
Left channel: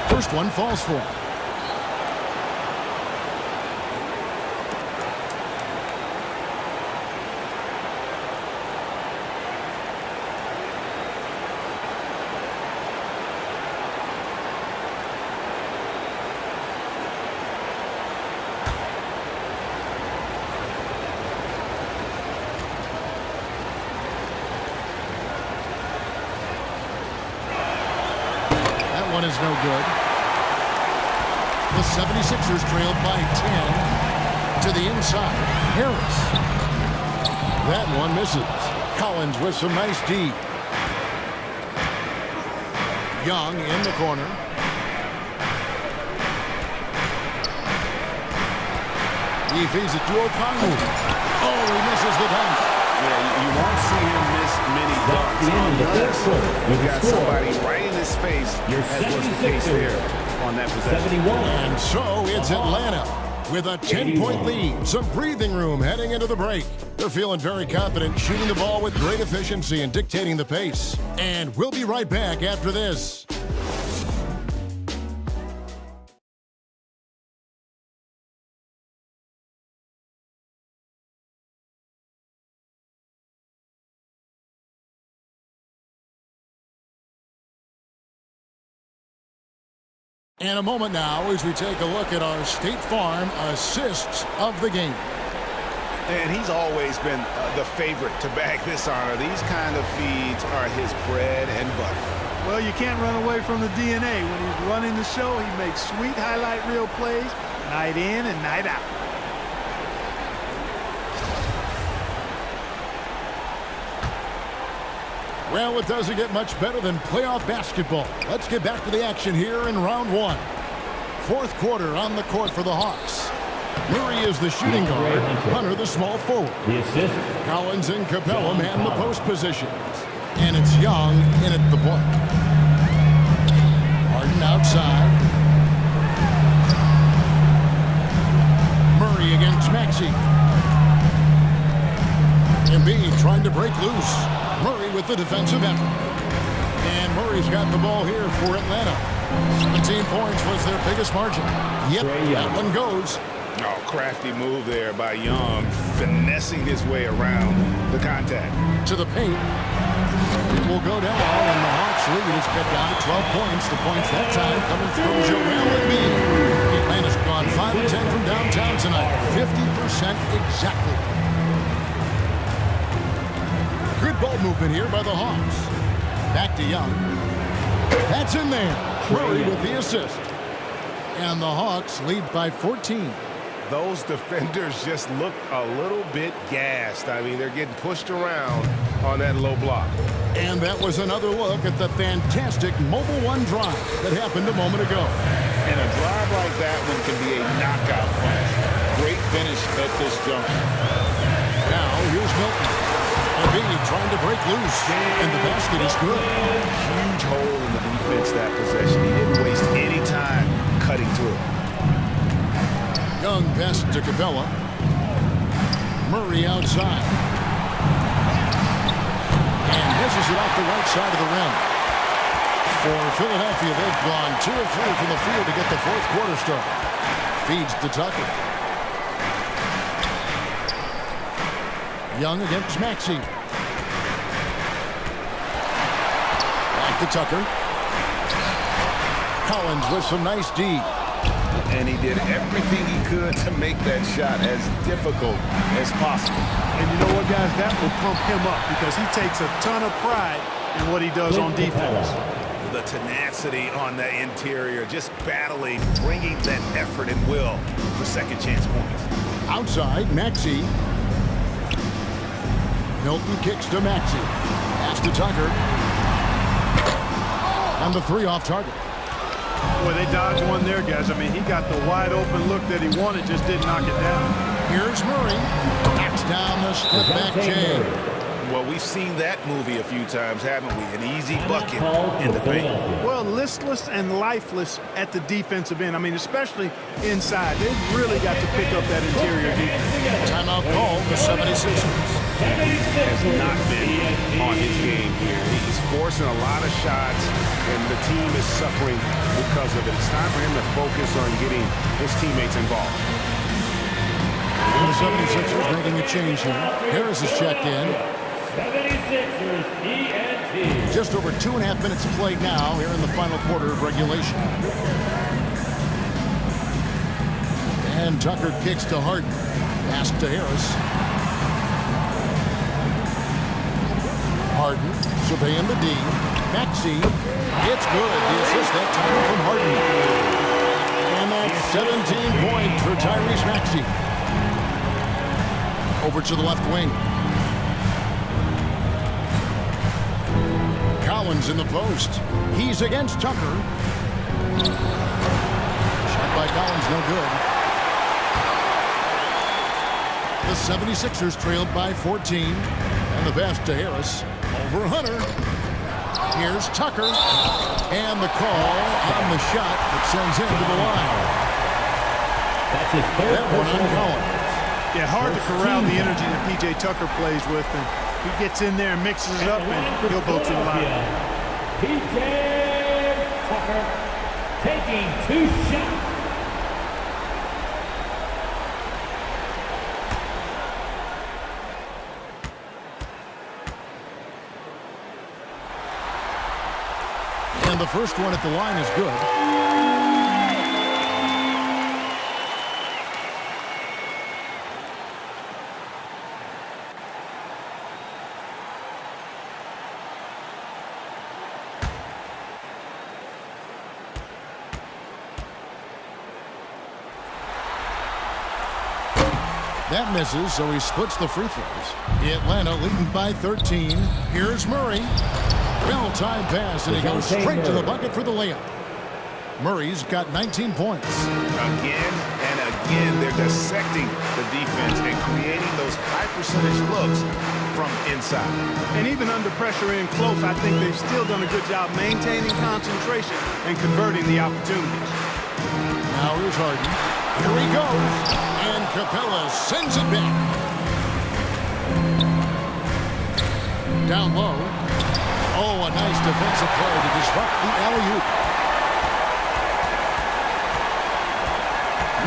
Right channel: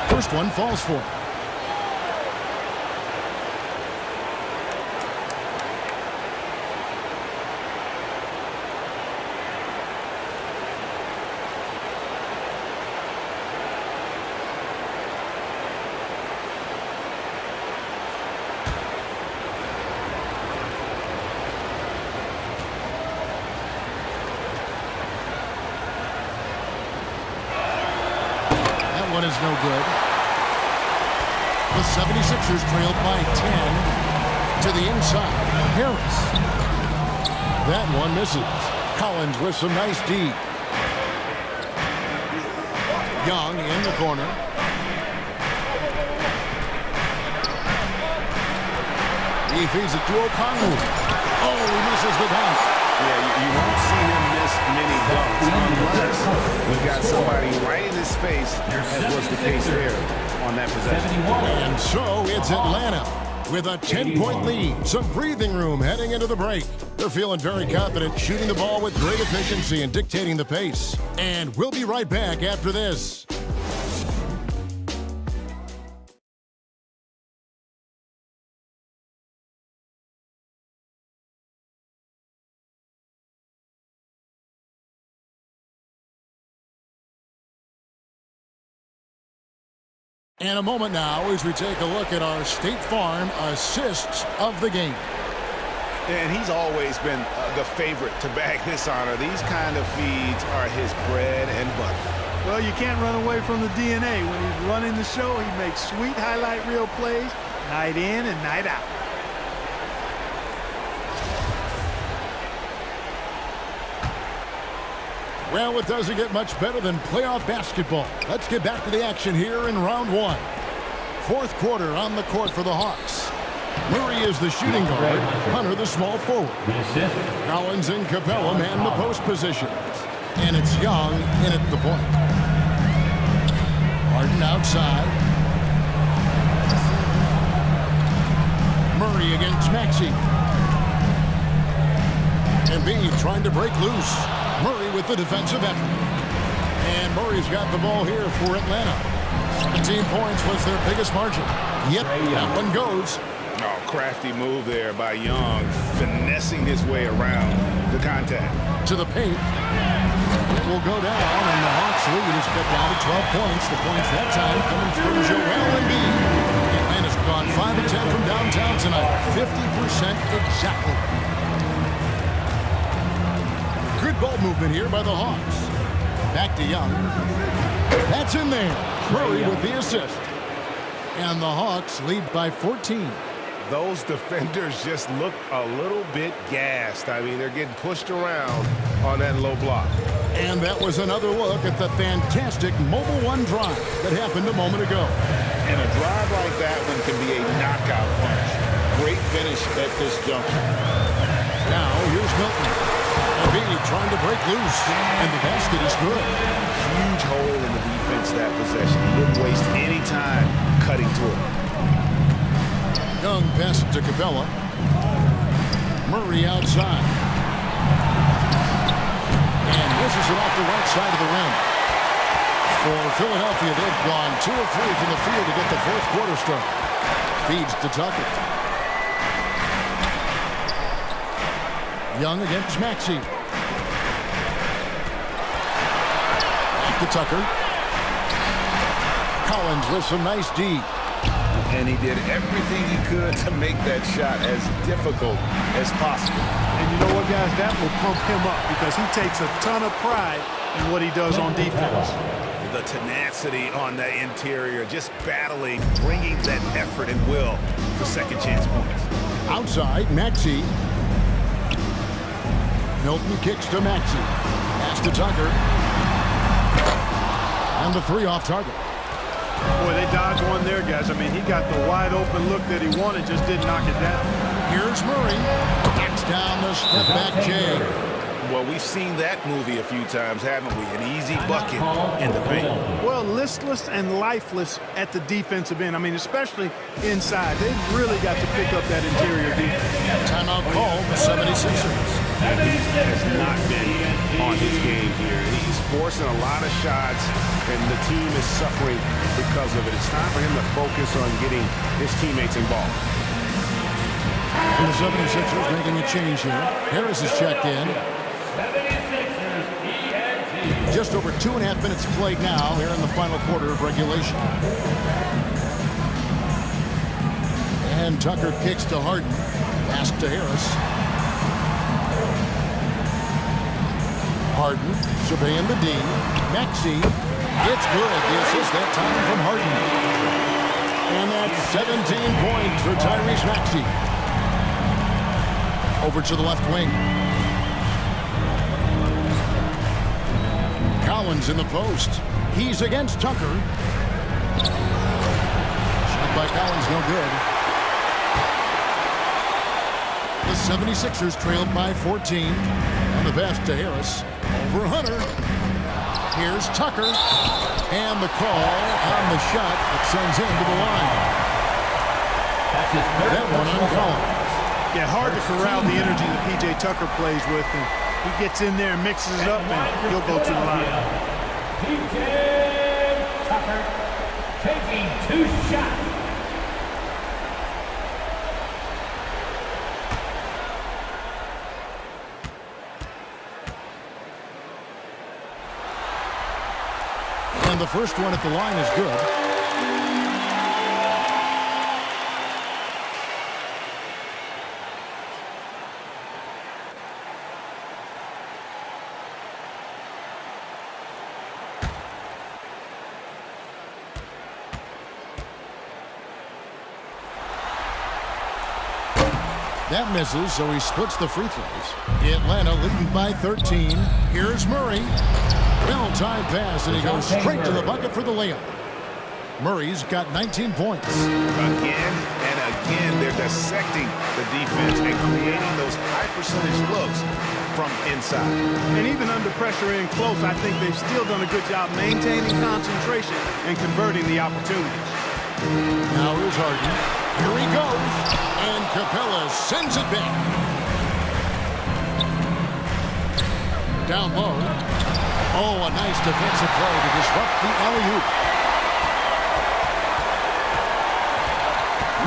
First one falls for him. That one is no good. The 76ers trailed by 10 to the inside. Harris. That one misses. Collins with some nice D. Young in the corner. He feeds it to Okongwu. Oh, he misses the dunk. Yeah, you won't see him miss many dunks unless you've got somebody right in his face, as was the case there on that possession. And so it's Atlanta with a 10-point lead. Some breathing room heading into the break. They're feeling very confident, shooting the ball with great efficiency and dictating the pace. And we'll be right back after this. And a moment now as we take a look at our State Farm assists of the game. And he's always been the favorite to bag this honor. These kind of feeds are his bread and butter. Well, you can't run away from the DNA. When he's running the show, he makes sweet highlight reel plays night in and night out. Well, it doesn't get much better than playoff basketball. Let's get back to the action here in round one. Fourth quarter on the court for the Hawks. Murray is the shooting guard. Hunter the small forward. The assist. Collins and Capella man the post positions. And it's Young in at the point. Harden outside. Murray against Maxey. Embiid trying to break loose. Murray with the defensive effort. And Murray's got the ball here for Atlanta. 17 points was their biggest margin. Yep, that one goes. Oh, crafty move there by Young, finessing his way around the contact. To the paint. It will go down, and the Hawks lead is cut down to 12 points. The points that time coming from Joel Embiid. Atlanta's gone 5 of 10 from downtown tonight. 50% exactly. Good ball movement here by the Hawks. Back to Young. That's in there. Murray with the assist. And the Hawks lead by 14. Those defenders just look a little bit gassed. I mean, they're getting pushed around on that low block. And that was another look at the fantastic Mobile One drive that happened a moment ago. And a drive like that one can be a knockout punch. Great finish at this juncture. Now, here's Milton. Embiid trying to break loose, and the basket is good. Huge hole in the defense that possession. He didn't waste any time cutting to it. Young pass to Capella. Murray outside. And misses it off the right side of the rim. For Philadelphia, they've gone 2 of 3 from the field to get the fourth quarter started. Feeds to Tucker. Young against Maxey. Back to Tucker. Collins with some nice D. And he did everything he could to make that shot as difficult as possible. And you know what, guys? That will pump him up because he takes a ton of pride in what he does on defense. The tenacity on the interior, just battling, bringing that effort and will for second chance points. Outside, Maxey. Milton kicks to Maxey. Pass to Tucker. And the 3 off target. Boy, they dodged one there, guys. I mean, he got the wide open look that he wanted, just didn't knock it down. Here's Murray. Knocks down the step back J. Well, we've seen that movie a few times, haven't we? An easy bucket in the paint. Well, listless and lifeless at the defensive end. I mean, especially inside. They've really got to pick up that interior defense. Timeout call, the 76ers. He has not been on his game here. He's forcing a lot of shots, and the team is suffering because of it. It's time for him to focus on getting his teammates involved. And the 76ers making a change here. Harris is checked in. 76ers ENT. Just over 2.5 minutes played now here in the final quarter of regulation. And Tucker kicks to Harden. Pass to Harris. Harden surveying the D. Maxey. It's good. The assist that time from Harden. And that's 17 points for Tyrese Maxey. Over to the left wing. Collins in the post. He's against Tucker. Shot by Collins, no good. The 76ers trailed by 14. And the pass to Harris. Over Hunter. Here's Tucker. And the call on the shot that sends him to the line. That's his third. That one on Collins. Yeah, hard to corral the energy that P.J. Tucker plays with. And he gets in there and mixes it up, and he'll go to the line. P.J. Tucker taking 2 shots. And the first one at the line is good. That misses, so he splits the free throws. Atlanta leading by 13. Here's Murray. Well-timed pass, and he goes straight to the bucket for the layup. Murray's got 19 points. Again and again, they're dissecting the defense and creating those high-percentage looks from inside. And even under pressure in close, I think they've still done a good job maintaining concentration and converting the opportunities. Now here's Harden. Here he goes. And Capella sends it back. Down low. Oh, a nice defensive play to disrupt the alley-oop.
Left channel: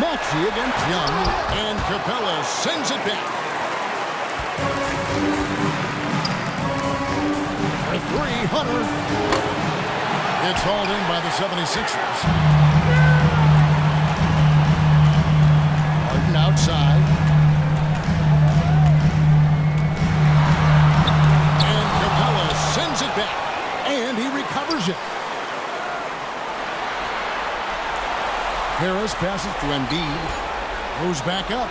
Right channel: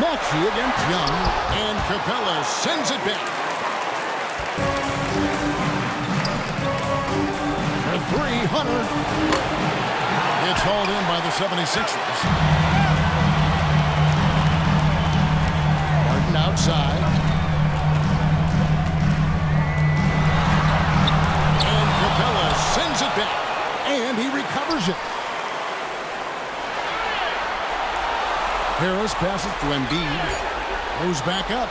Maxey against Young. And Capella sends it back. For three, Hunter. It's hauled in by the 76ers. Harden outside. And Capella sends it back. And he recovers it. Harris passes to Embiid. Goes back up.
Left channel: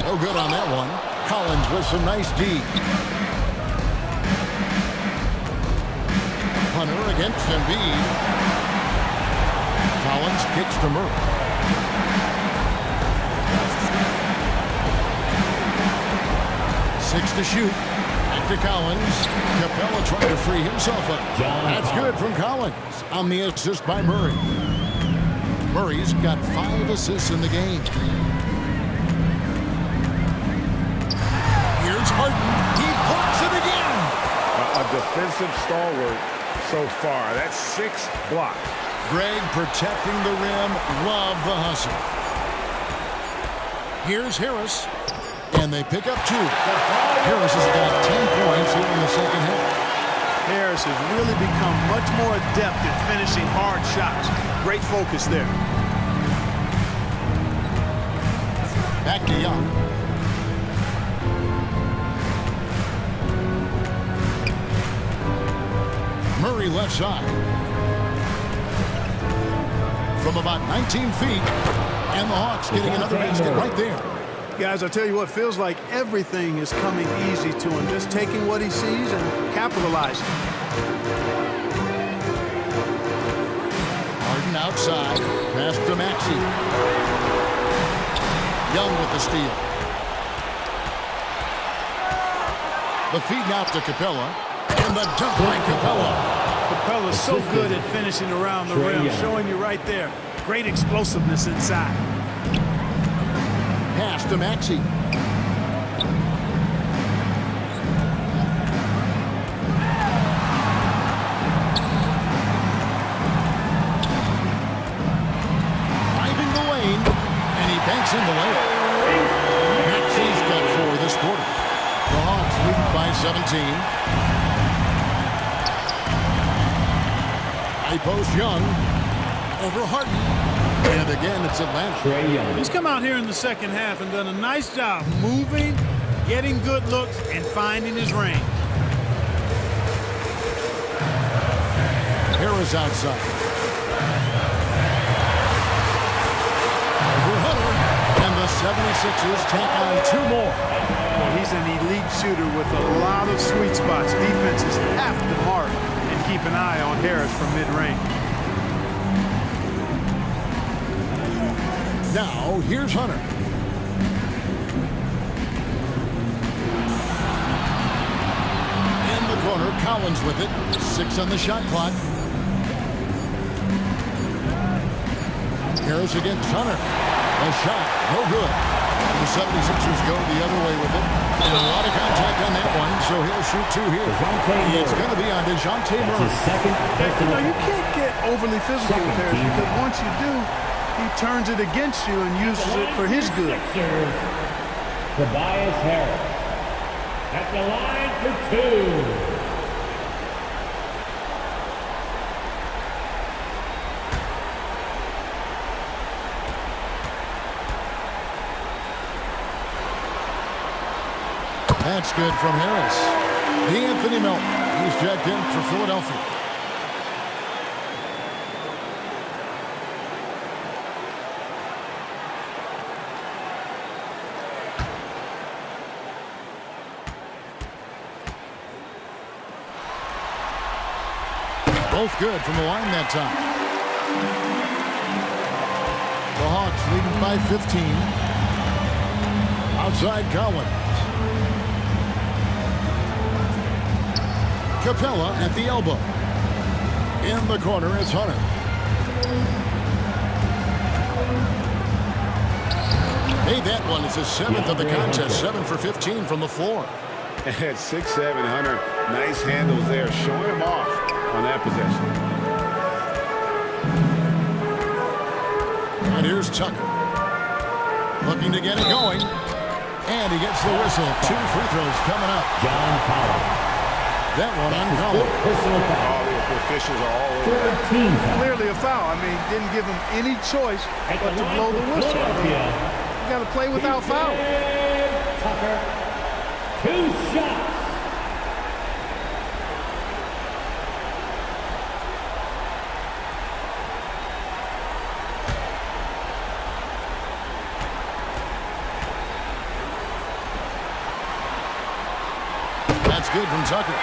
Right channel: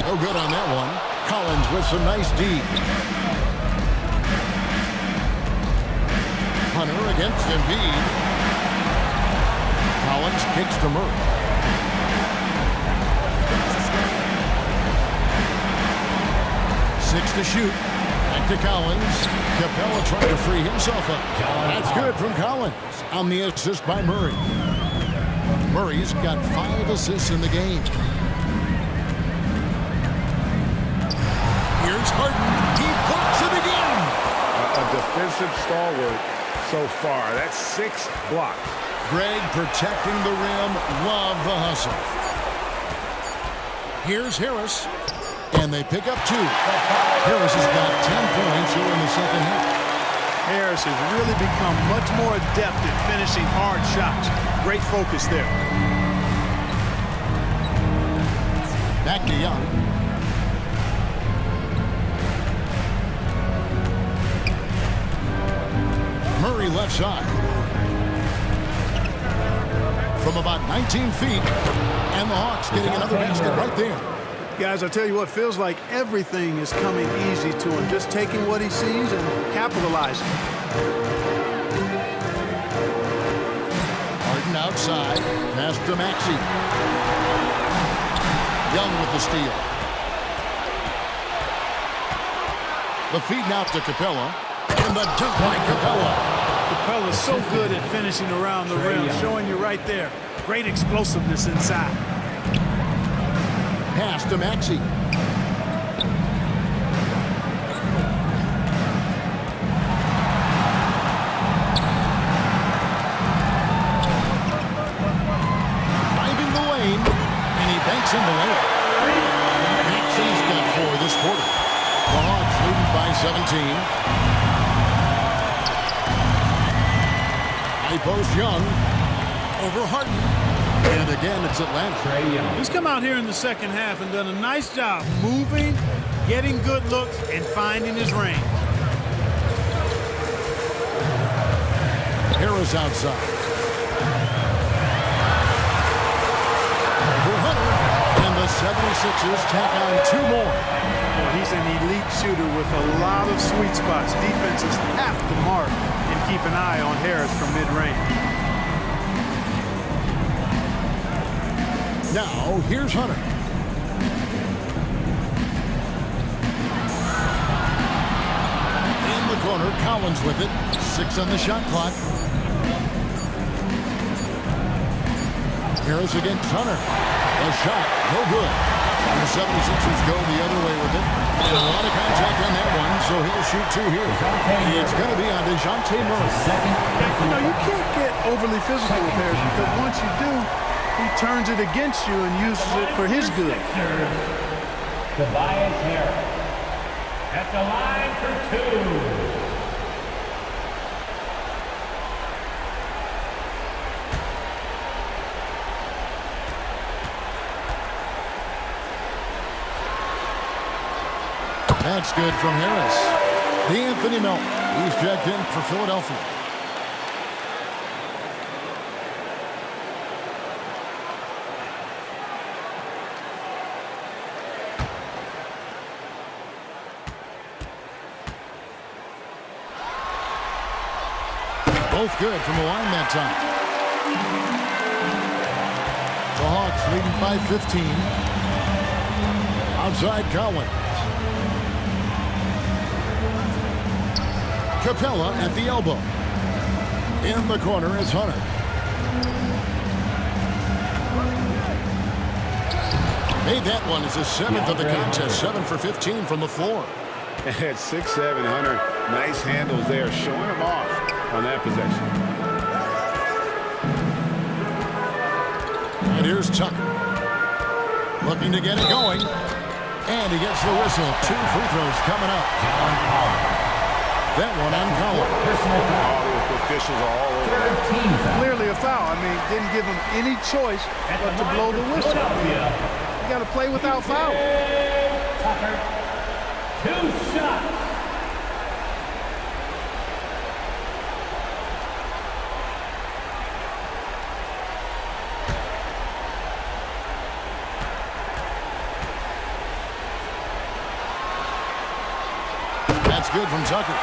No good on that one. Collins with some nice D. Hunter against Embiid. Collins kicks to Murray. Six to shoot. Back to Collins. Capella trying to free himself up. That's good from Collins on the assist by Murray. Murray's got 5 assists in the game. Here's Harden. He blocks it again. A defensive stalwart so far. That's 6 blocks. Greg protecting the rim. Love the hustle. Here's Harris. And they pick up 2. Harris has got 10 points here in the second half. Harris has really become much more adept at finishing hard shots. Great focus there. Back to Young. Murray left side. From about 19 feet. And the Hawks getting another basket right there. Guys, I tell you what, feels like everything is coming easy to him. Just taking what he sees and capitalizing. Harden outside. Pass to Maxey. Young with the steal. The feed now to Capella. And the dunk by Capella. Capella's so good at finishing around the rim, showing you right there. Great explosiveness inside. Pass to Maxey. Driving the lane, and he banks in the layup. Maxey's got 4 this quarter. The Hawks leading by 17. High post Young. Over Harden. And again, it's Atlanta. He's come out here in the second half and done a nice job moving, getting good looks, and finding his range. Harris outside. Over Hunter. And the 76ers tack on 2 more. Well, he's an elite shooter with a lot of sweet spots. Defenses have to mark and keep an eye on Harris from mid-range. Now, here's Hunter. In the corner, Collins with it. 6 on the shot clock. Harris against Hunter. A shot, no good. And the 76ers go the other way with it. And a lot of contact on that one, so he'll shoot 2 here. It's going to be on DeJounte Murray. You know, you can't get overly physical with Harris because once you do, he turns it against you and uses it for his good. Tobias Harris at the line for 2. That's good from Harris. D'Anthony Melton. He's checked in for Philadelphia. Both good from the line that time. The Hawks leading by 15. Outside Collins. Capella at the elbow. In the corner is Hunter. Made that one as his 7th of the contest. 7 for 15 from the floor. At 6'7", Hunter, nice handles there, showing him off on that possession. And here's Tucker. Looking to get it going. And he gets the whistle. 2 free throws coming up. John Collins. That one on Collins. Personal foul. Oh, the officials are all over that. 13 foul. Clearly a foul. I mean, didn't give him any choice but to blow the whistle. I mean, you got to play without foul. Tucker. 2 shots. That's good from Tucker.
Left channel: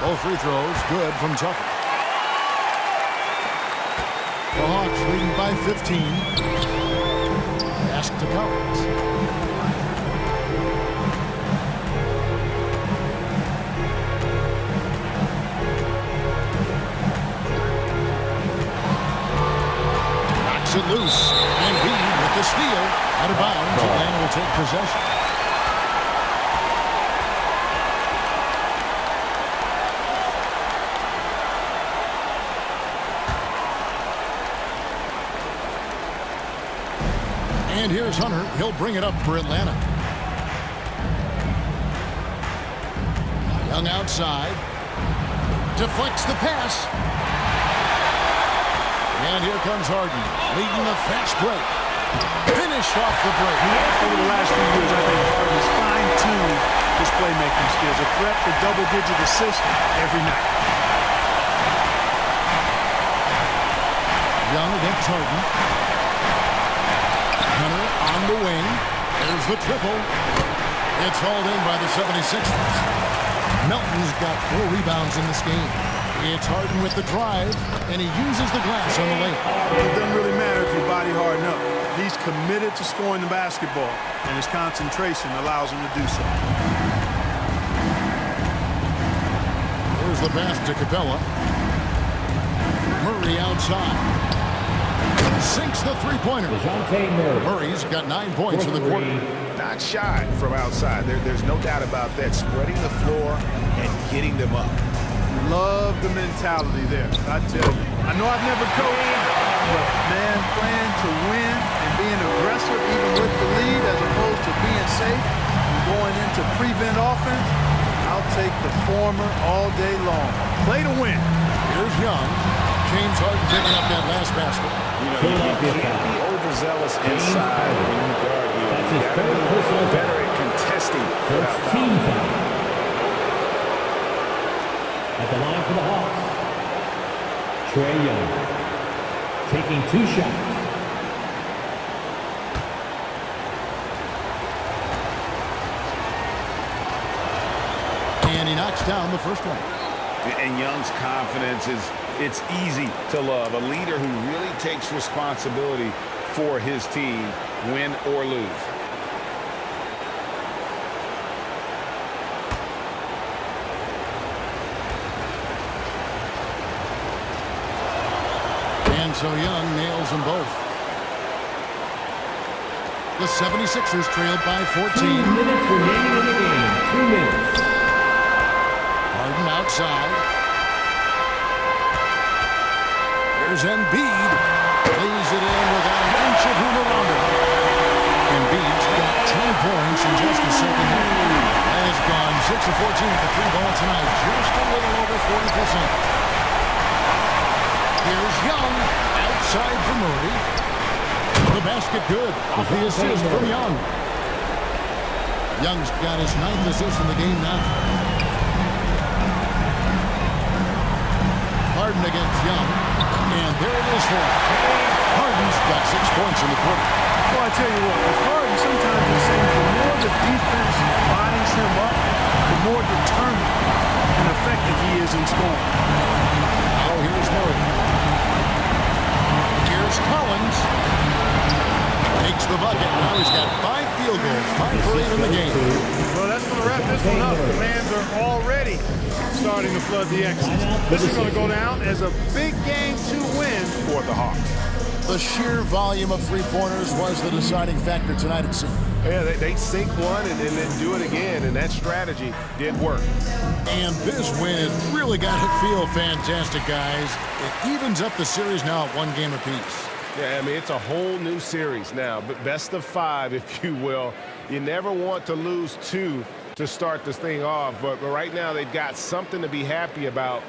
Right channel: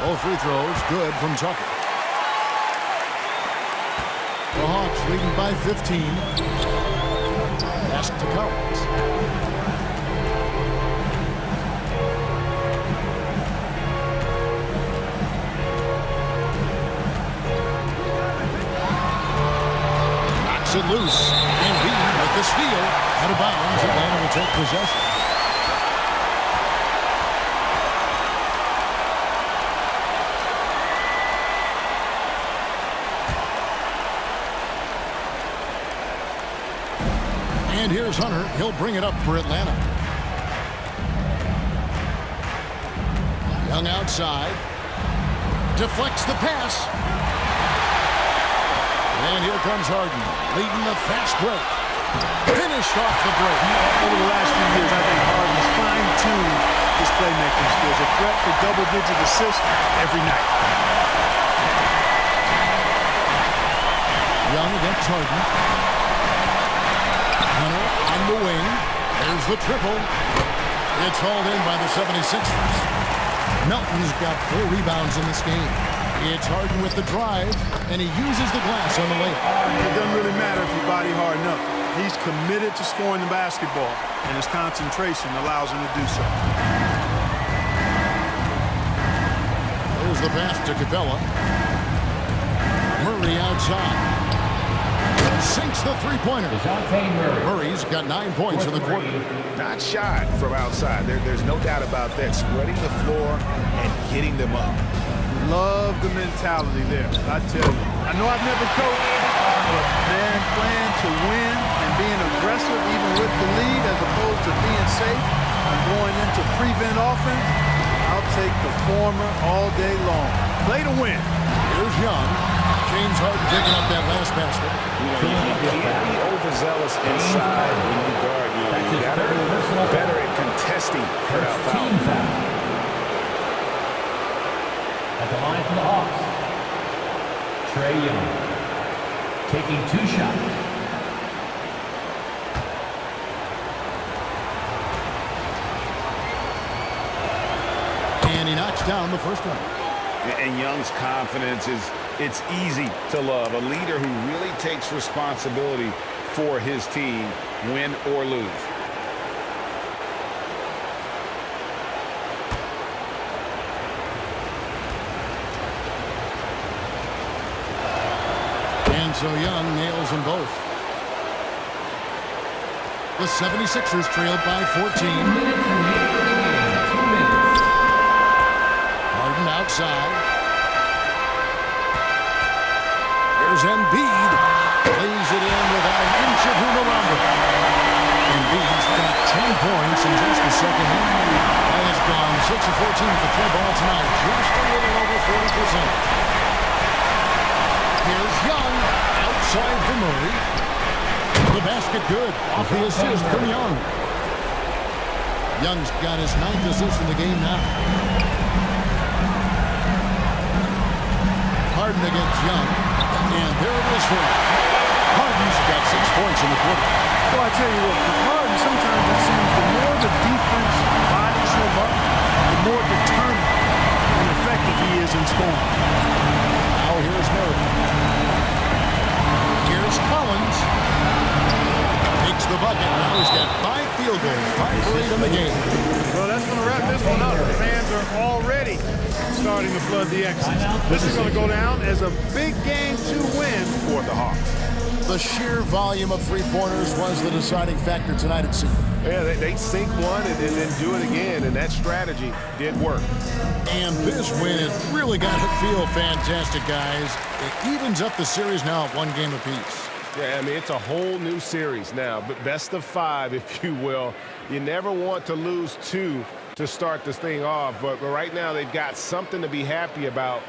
Both free throws good from Tucker. The Hawks leading by 15. Pass to Collins. Knocks it loose. Embiid with the steal. Out of bounds. Atlanta will take possession. And here's Hunter. He'll bring it up for Atlanta. Young outside. Deflects the pass. And here comes Harden, leading the fast break. Finished off the break. Over the last few years, I think Harden's fine-tuned his playmaking skills. A threat for double-digit assists every night. Young against Harden. Hunter on the wing. There's the triple. It's hauled in by the 76ers. Melton's got 4 rebounds in this game. It's Harden with the drive, and he uses the glass on the layup. It doesn't really matter if you body Harden up. He's committed to scoring the basketball, and his concentration allows him to do so. There's the pass to Capella. Murray outside. Sinks the three-pointer. Murray's got 9 points in the quarter. Not shot from outside. There's no doubt about that. Spreading the floor and getting them up. Love the mentality there, I tell you. I know I've never coached, but, man, playing to win and being aggressive even with the lead as opposed to being safe and going into prevent offense, I'll take the former all day long. Play to win. Here's Young. James Harden picking up that last basket. You know, you can't be overzealous inside when you guard. You got to be better at contesting without foul. At the line for the Hawks, Trae Young taking 2 shots. And he knocks down the first one. And Young's confidence it's easy to love. A leader who really takes responsibility for his team, win or lose. And so Young nails them both. The 76ers trailed by 14. 2 minutes remaining in the game. 2 minutes. Harden outside. There's Embiid. Plays it in without an inch of room around him. Embiid's got 10 points in just the second half. And it's gone 6 of 14 with the 3-ball tonight. Just a little over 40%. Here's Young. Outside for Murray. The basket good. Off the assist from Young. Young's got his 9th assist in the game now. Harden against Young, and there it is for him. Harden's got 6 points in the quarter. Well, I tell you what, with Harden, sometimes it seems the more the defense bodies him up, the more determined and effective he is in scoring. Now here's Murray. Here's Collins. Takes the bucket. Now he's got 5 field goals, 5 for 8 in the game. Well, that's going to wrap this one up. The fans are already starting to flood the X's. This is going to go down as a big game to win for the Hawks. The sheer volume of 3-pointers was the deciding factor tonight, it seemed. Yeah, they sink one and then do it again, and that strategy did work. And this win has really got to feel fantastic, guys. It evens up the series now at 1 game apiece. Yeah, I mean, it's a whole new series now, but best of 5, if you will. You never want to lose 2 to start this thing off, but right now they've got something to be happy about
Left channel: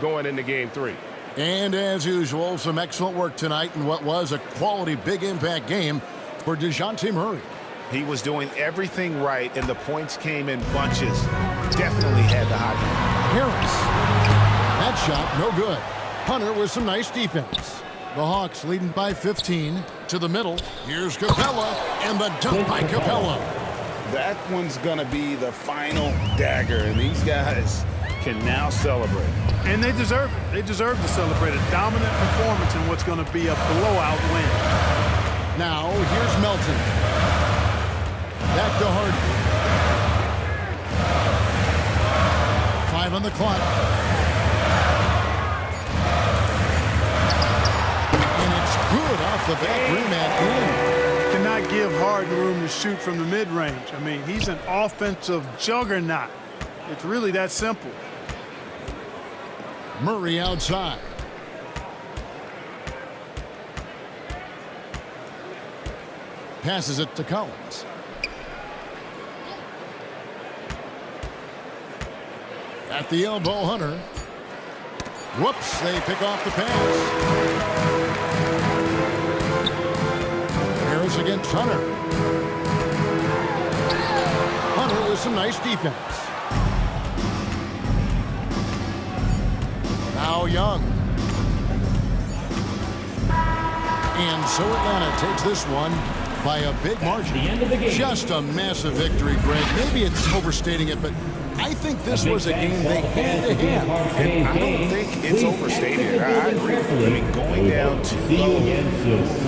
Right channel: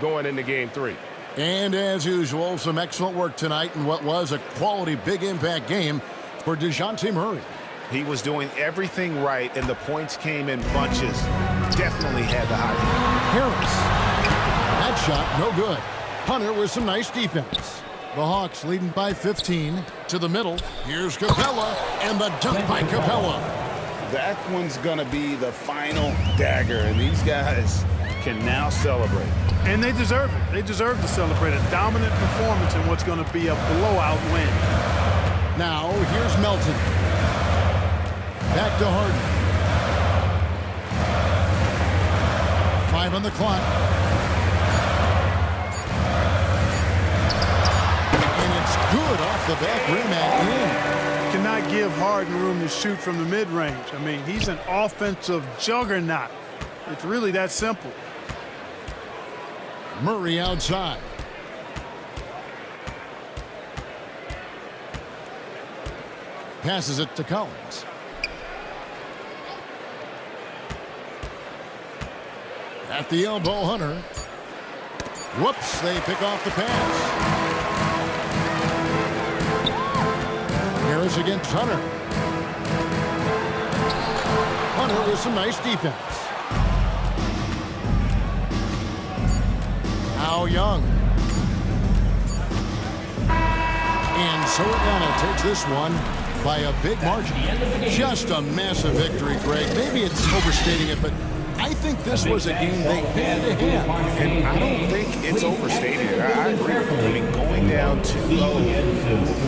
going into Game 3. And as usual, some excellent work tonight in what was a quality big impact game for DeJounte Murray. He was doing everything right, and the points came in bunches. Definitely had the hot hand. Harris. That shot, no good. Hunter with some nice defense. The Hawks leading by 15 to the middle. Here's Capella, and the dunk by Capella. That one's going to be the final dagger, and these guys can now celebrate. And they deserve it. They deserve to celebrate a dominant performance in what's going to be a blowout win. Now, here's Melton. Back to Harden. 5 on the clock. And it's good off the back rim and in. Cannot give Harden room to shoot from the mid-range. I mean, he's an offensive juggernaut. It's really that simple. Murray outside. Passes it to Collins. At the elbow, Hunter. Whoops, they pick off the pass. Harris against Hunter. Hunter with some nice defense. Now Young. And so Atlanta takes this one by a big margin. Just a massive victory, Greg. Maybe it's overstating it, but I think this was a game they had to have. And I don't think it's overstated. I agree with you. I mean, going down too low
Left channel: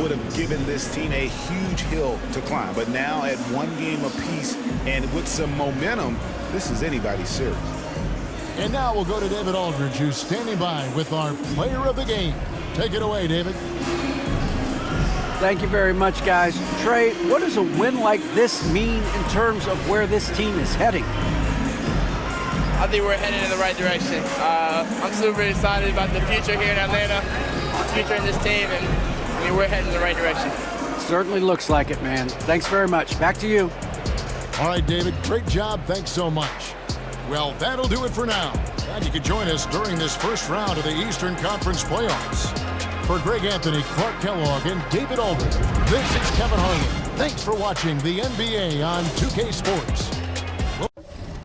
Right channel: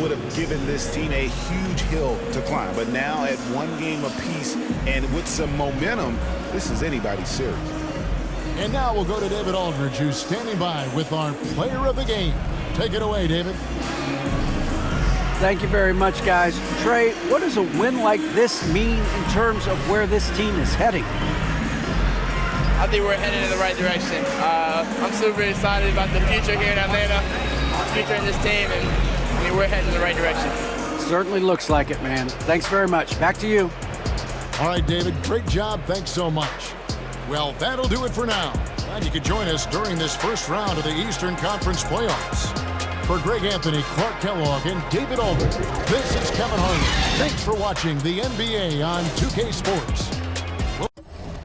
would have given this team a huge hill to climb. But now at 1 game apiece and with some momentum, this is anybody's series. And now we'll go to David Aldridge, who's standing by with our player of the game. Take it away, David. Thank you very much, guys. Trey, what does a win like this mean in terms of where this team is heading? I think we're headed in the right direction. I'm super excited about the future here in Atlanta, the future in this team, and I mean, we're heading in the right direction. Certainly looks like it, man. Thanks very much. Back to you. All right, David, great job. Thanks so much. Well, that'll do it for now. Glad you could join us during this first round of the Eastern Conference playoffs. For Greg Anthony, Clark Kellogg, and David Aldridge, this is Kevin Harlan. Thanks for watching the NBA on 2K Sports.